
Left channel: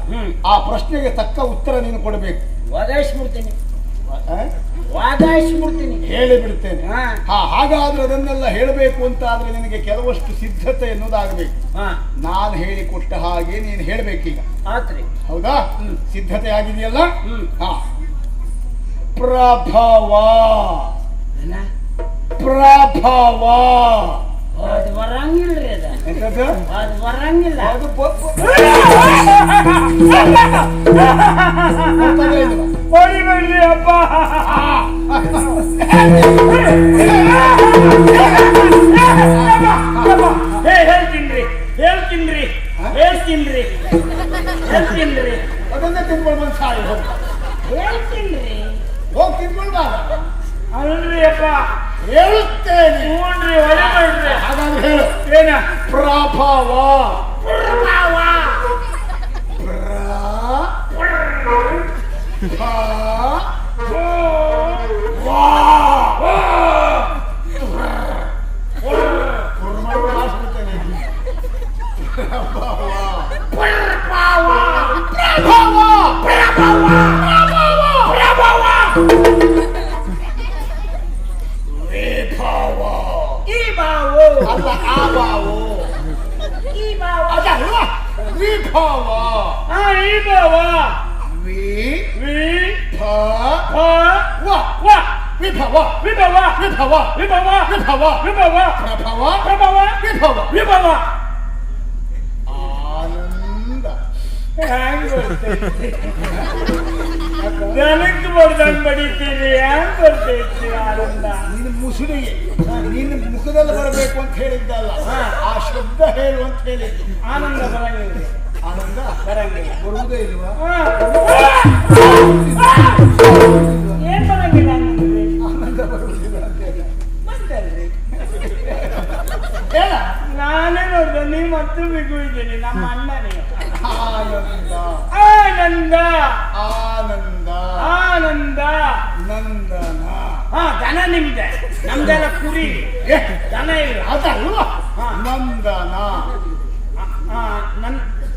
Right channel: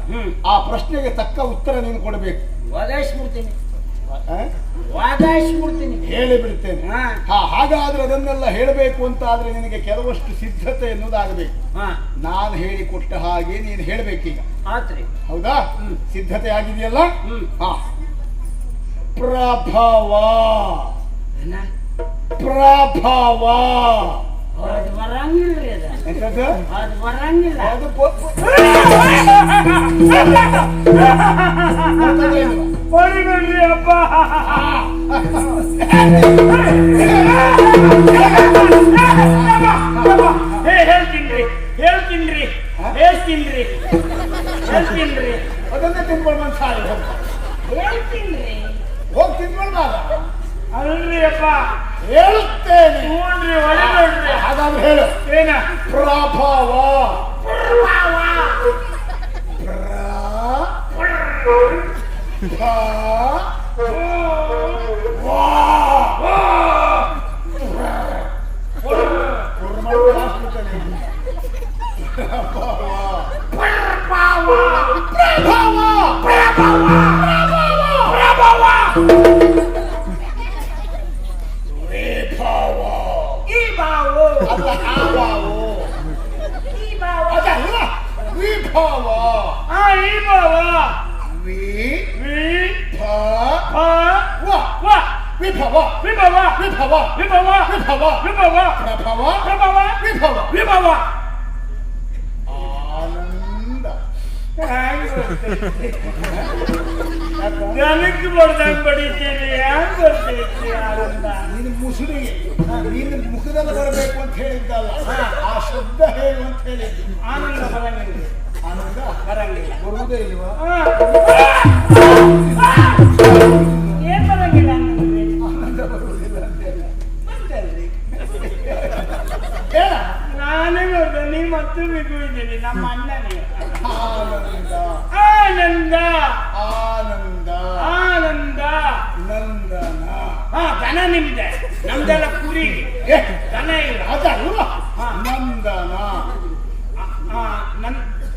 ಆ ಪ್ರಶ್ನೆಗೆ ತಕ್ಕ ಉತ್ತರ ನೀನು ಕೊಡಬೇಕು. ಹೇಳಿ ಬಿಡ್ತೇನೆ. ಹಾಗಾದ್ರೆ ಅದನ್ನೆಲ್ಲ ಹೇಳಬೇಕು ಅಂತ ಆದ್ರೆ ನಿನಗೆ ಕೆಲವಷ್ಟು ಸಿದ್ಧತೆ ಎನ್ನುವುದಾಗಬೇಕು. ನಾನು ಹೇಳಿಕೊಟ್ಟ ಹಾಗೆ ನೀನು ಹೇಳಬೇಕೀಗ. ಹೌದಾ? ಸಿದ್ಧತೆ ಆಗಿದೆಯಲ್ಲ? ಪ್ರಭವ ಪ್ರಭವ ಅದು ಬರಂಗಿಲ್ರಿ. ಅದು ಬರಂಗಿಲ್ಲ. ಅಪ್ಪ ಹೇಳ್ತೀನಿ. ಅದನ್ನೇ ತಿನ್ಕೊಂಡು ಬಂದು ಸಾರಿ ಹೇಳ್ತೀನಿ. ಹೋಗಿ ತಿನ್ಕೊಳ್ಬಾರ. ಅಲ್ರಿ ಅಪ್ಪ ಹೇಳುತ್ತೇನೆ. ಹಾಗಾದ್ರೆ ಹೇಳು. ಏನ? ಪ್ರಭವ ನನಗೆ ಬರ್ದಂಗ್ ಬಡಿತೀರಿ. ಹ್ಯಾಂಗ್ ಬರ್ತೈತಿ ಆನಂದ? ನಿನ್ನ ಮುಸುಡಿಗೆ ನಿನ್ನ ಮುಖದಲ್ಲಿ ಬರಬೇಕು ಅಂತ ಹೇಳಿದ್ದಲ್ಲ, ಆ ಶಬ್ದ ಹೇಳು ಅಂತ ಹೇಳಿದ್ದು. ಆನಂದ ಬರಂಗಿಲ್ಲ. ಆನಂದ ಬರಂಗಿಲ್ಲ. ಬರುವುದೇ ಇಲ್ವಾ? ಏನ್ ಬರಂಗಿಲ್ಲ? ಆನಂದ ಬರುವುದಿಲ್ಲ ಅಂತ ಹೇಳಿ ನಾನೇ ನೋಡ್ದ. ನೀವು ಮತ್ತು ಬಿಗು ಇದ್ದೀರಿ. ನಮ್ಮ ಅಣ್ಣನೇ ಆನಂದ ಆನಂದ ಆನಂದ ಆನಂದ ನಂದನ. ದನ ನಿಮ್ದೆ, ನಮ್ದೆಲ್ಲ ಕುರಿ. ದನ ಇಲ್ಲ. ಅದಲ್ವಾ? ನಂದನ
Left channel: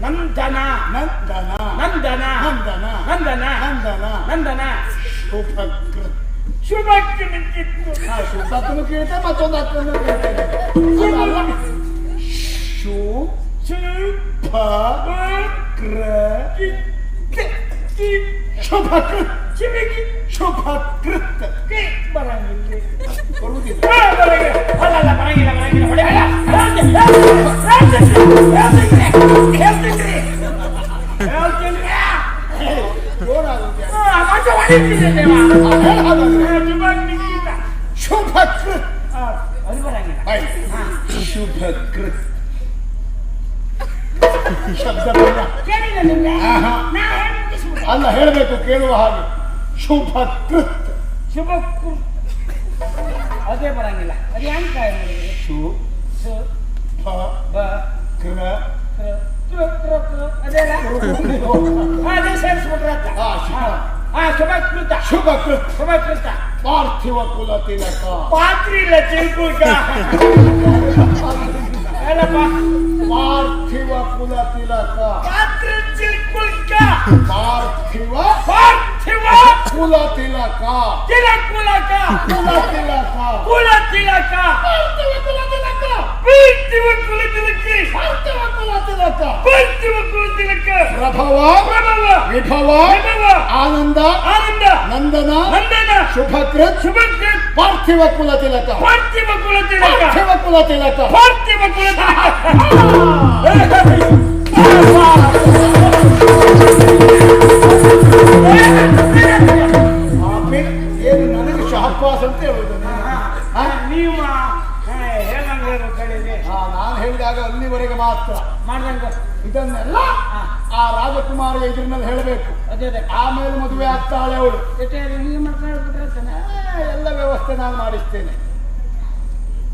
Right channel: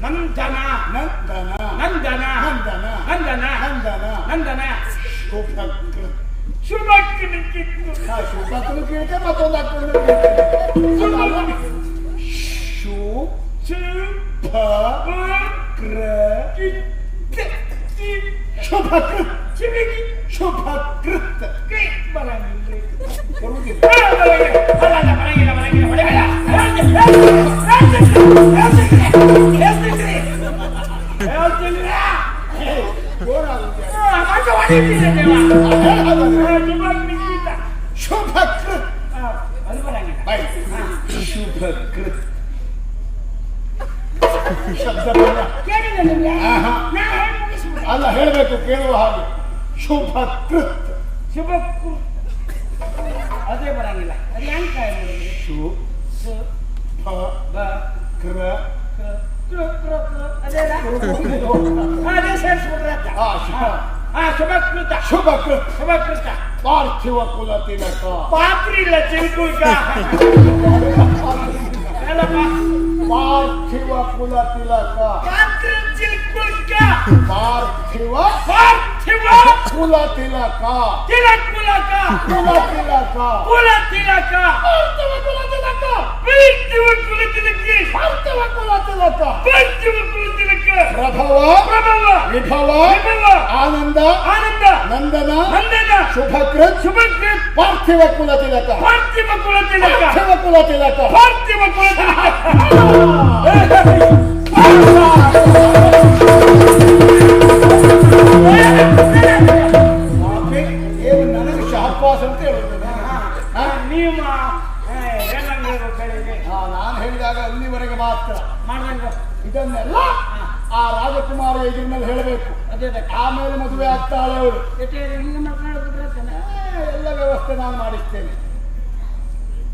ನಂದನ ನಂದನ ನಂದನ ನಂದನ ನಂದನ ನಂದನ ನಂದನ ಶುಭಕೃತ್. ಶುಭಕ್ಕಿತ್ತು. ಶುಭಕೃತ್ ಕೇಳ್ತೆ, ಮತ್ತೊಂದು ಅಕ್ಕನ್ನು ಕೇಳ್ತೇನೆ. ಶುಭಕೃತ್ ಶುಭಕೃತ್ ಶುಭಕೃತ್ ಶಬ್ದ ಅಲ್ಲ, ಹೇಳಬೇಕು ಕೇಳುವ ಹಾಗೆ. ಶುಭಕೃತ್ ಅದೇ ಬರಂಗಿಲ್ಲ. ಅದು ಹೆಂಗ್ ಕಾಯ ಮಾಡಿದ್ರೆ? ಶುಭಕೃತ್ ಅದೇ ಸೇರಿಸ್ಬಿಟ್ರೆ ಶುಭಕೃತ ಶುಭಕೃತ್ ಶುಭಕೃತ ಪಾರ್ಥಿವ ಕುಲ ತಿಲಕ ಪಾತ್ರಿ ಇಲ್ಲ ಚಿಲ್ಕುಲ್ಕ ಅಲ್ಲಪ್ಪ ಪಾರ್ಥಿವ ಕುಲ ತಿಲಕ ಪಾತ್ರಿ ಚಿಲ್ಕುಲ್ಕ ಪಾರ್ಥಿವ ಪಾರ್ಥಿವ ಕುಲ ತಿಲಕ ತಿಲಕುಲಕ ಕುಲ ತಿಲಕ ಕುಲ ತಿಲಕ ಪಾರ್ಥಿವ ಕುಲ ತಿಲಕ ಪಾರ್ಥಿವ ಕುಲ ತಿಲಕಿ ಪಾರ್ಥಿವ ಕುಲ ತಿಲಕ ಪಾರ್ಥಿವ ಕುಲ ತಿಲಕ ಪ್ರಭವ ಪ್ರಭವ ವಿಭವ ವಿಭವ ಆನಂದ ಆನಂದ ನಂದನ ನಂದನ ಶುಭಕೃತ್ ಶುಭಕೃತ್ ಪಾರ್ಥಿವ ಕುಲ ತಿಲಕ ಪಾರ್ಥಿವ ಕುಲ ತಿಲಕ ಪಾರ್ಥಿವ ಕುಲ ತಿಲಕ ಪಾರ್ಥಿವ ಕುಲ ತಿಲಕ ಏನು ನನಗೆ ಶಹಬ್ಬಾಸ್ ಅಂತ ಹೇಳುದು ನೀವು ಏನಂತ ಹೇಳಿದೆ ನಾನು ಹೇಳಿದಾಗ ಅಲ್ಲಿವರೆಗೆ ಮಾತ್ರ ಮಾಡ್ದಂಗ ಇದನ್ನೆಲ್ಲ ಆ ರಾಜಕುಮಾರಿಯ ಎದುರಿನಲ್ಲಿ ಹೇಳಬೇಕು. ಅದೇ ಆಮೇಲೆ ಮದುವೆ ಆಗ್ತಾಳೆ ಅವಳು. ಹಿಂಗೆ ಮಾತನಾಡೋದು ಎಲ್ಲ ವ್ಯವಸ್ಥೆ ನಾನು ಮಾಡಿಸ್ತೇನೆ.